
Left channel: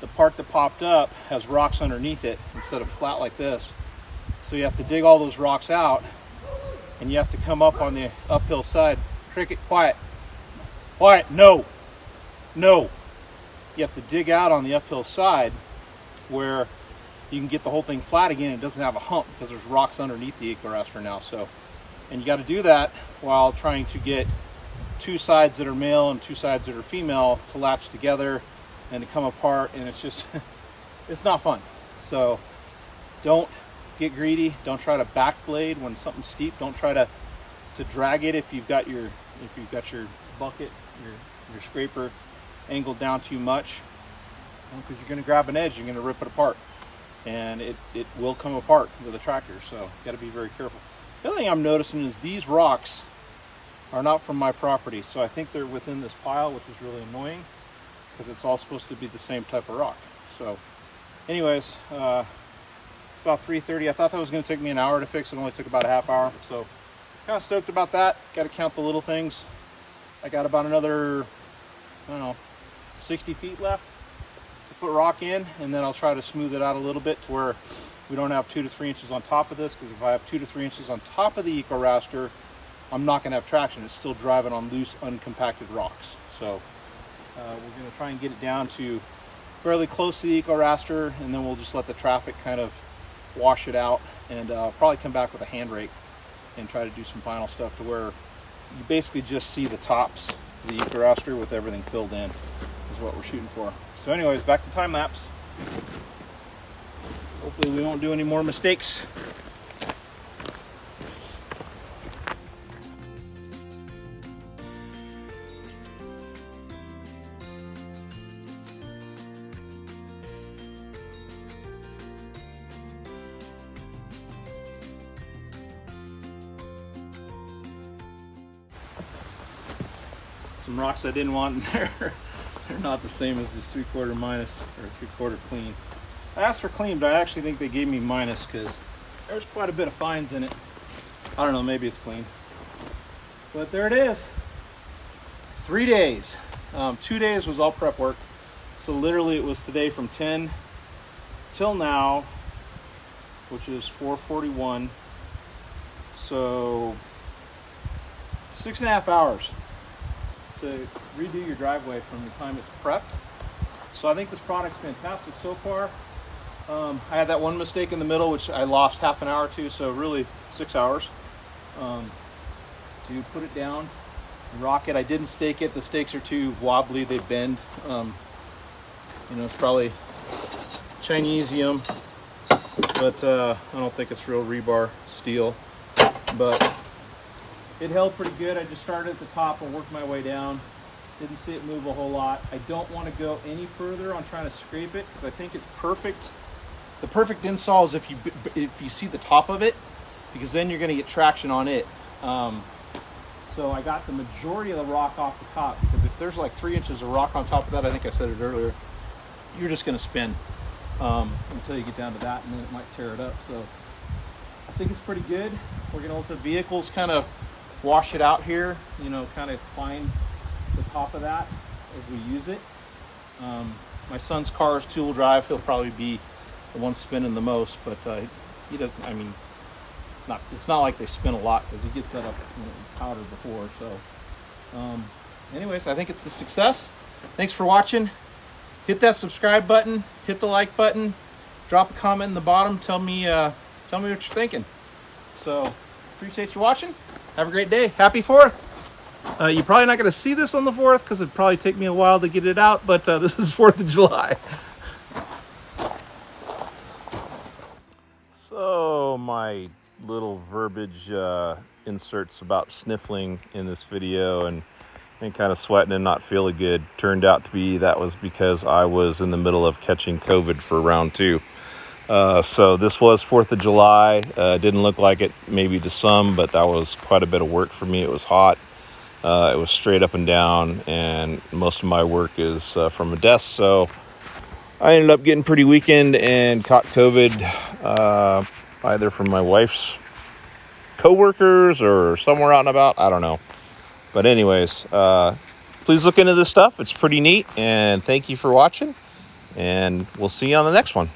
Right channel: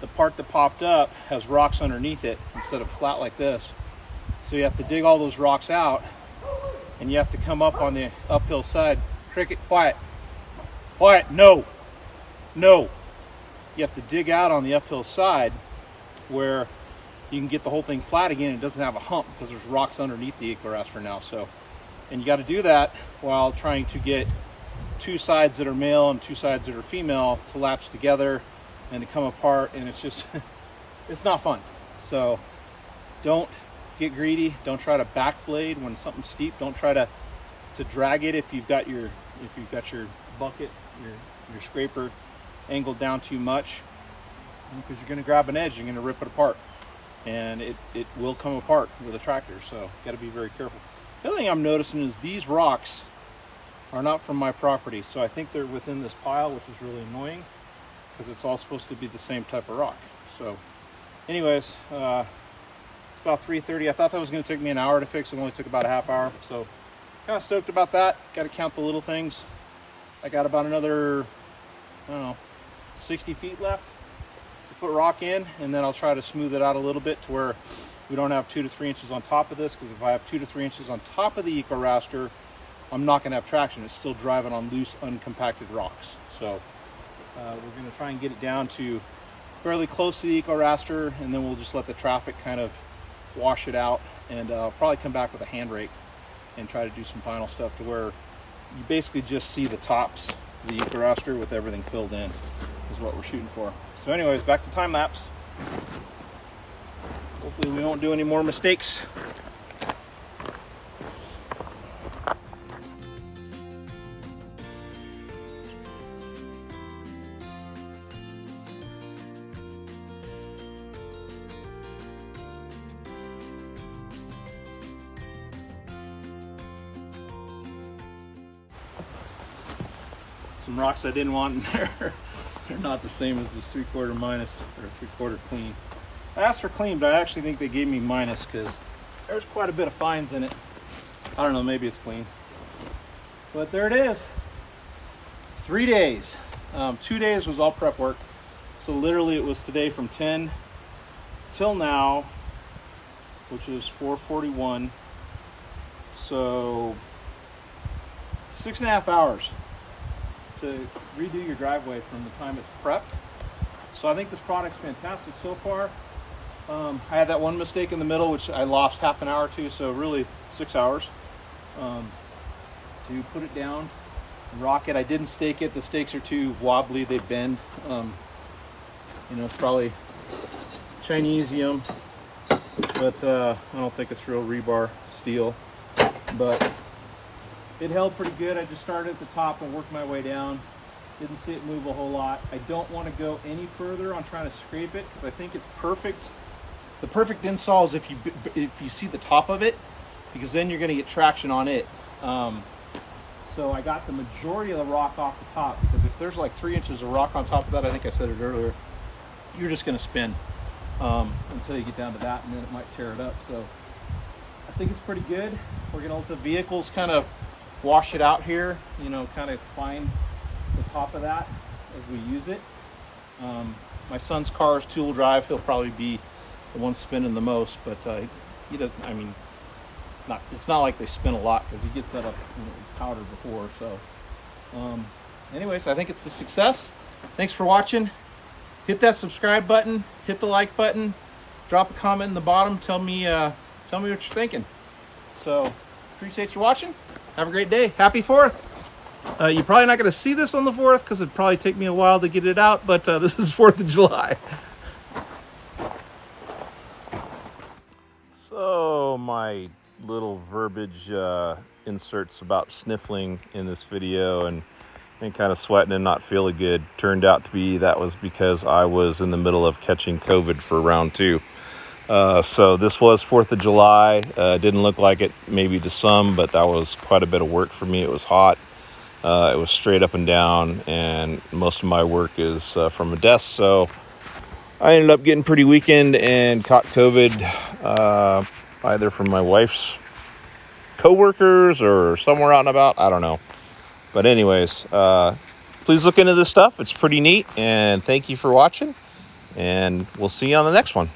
The part that popped up has rocks underneath it instead of flat like this. So you have to dig all those rocks out, and you have to come up on the uphill side. Cricket, quiet. Quiet, no. No. You have to dig out on the uphill side where you can get the whole thing flat again. It doesn't have a hump because there's rocks underneath the EcoRaster now. So, and you got to do that while trying to get two sides that are male and two sides that are female to latch together and to come apart, and it's just it's not fun. So don't get greedy. Don't try to backblade when something's steep. Don't try to drag it if you've got your bucket, your scraper angled down too much, because you're going to grab an edge, you're going to rip it apart. and it will come apart with a tractor, so got to be very careful. The other thing I'm noticing is these rocks are not from my property, so I think they're within this pile, which is really annoying because it's all supposed to be the same type of rock. So anyways, it's about 3:30. I thought that was going to take me an hour to fix. It only took about a half hour, so kind of stoked about that. Got to count the little things. I got about another, I don't know, 60 feet left to put rock in, and then I'll try to smooth it out a little bit to where we don't have 2 to 3 inches on top of this, because if I have 2 to 3 inches on top of the EcoRaster, I'm not going to have traction. It's still driving on loose, uncompacted rocks. So we're going to try and get it down to fairly close to the EcoRaster, and then we'll just let the traffic kind of wash it out, and probably come back with a hand rake and try to do some final stuff to where you basically just see the tops of the EcoRaster with everything filled in is what we're shooting for. So anyways, back to time lapse. Hopefully we won't do any more mistakes. Some rocks I didn't want in there. They're not the same as this 3/4 minus or 3/4 clean. I asked for clean, but I actually think they gave me minus because there's quite a bit of fines in it. I don't know, maybe it's clean. But there it is. 3 days. 2 days was all prep work. So literally it was today from 10 till now, which is 4:41. So 6.5 hours to redo your driveway from the time it's prepped. So I think this product's fantastic so far. I had that one mistake in the middle, which I lost half an hour to, so really 6 hours to put it down and rock it. I didn't stake it. The stakes are too wobbly, they bend. You know, it's probably Chinesium, but I don't think it's real rebar steel. But it held pretty good. I just started at the top and worked my way down. Didn't see it move a whole lot. I don't want to go any further on trying to scrape it because I think it's perfect. The perfect install is if you see the top of it, because then you're going to get traction on it. So I got the majority of the rock off the top, because if there's like 3 inches of rock on top of that, I think I said it earlier, you're just going to spin until you get down to that, and then it might tear it up. So I think it's pretty good. We're going to let the vehicles kind of wash it out here, you know, kind of find the top of that as we use it. My son's car is 2-wheel drive. He'll probably be the one spinning the most, but he doesn't, I mean, it's not like they spin a lot because he gets that up when it was powder before. So anyways, I think it's a success. Thanks for watching. Hit that subscribe button, hit the like button, drop a comment in the bottom, tell me what you're thinking. So appreciate you watching. Have a great day. Happy 4th. You're probably not going to see this on the 4th because it'd probably take me a while to get it out, but this is 4th of July. So my little verbiage inserts about sniffling in this video and kind of sweating and not feeling good turned out to be that was because I was in the middle of catching COVID for round 2. So this was 4th of July. Didn't look like it maybe to some, but that was quite a bit of work for me. It was hot. It was straight up and down, and most of my work is from a desk. So I ended up getting pretty weakened and caught COVID either from my wife's coworkers or somewhere out and about. I don't know. But anyways, please look into this stuff. It's pretty neat, and thank you for watching, and we'll see you on the next one.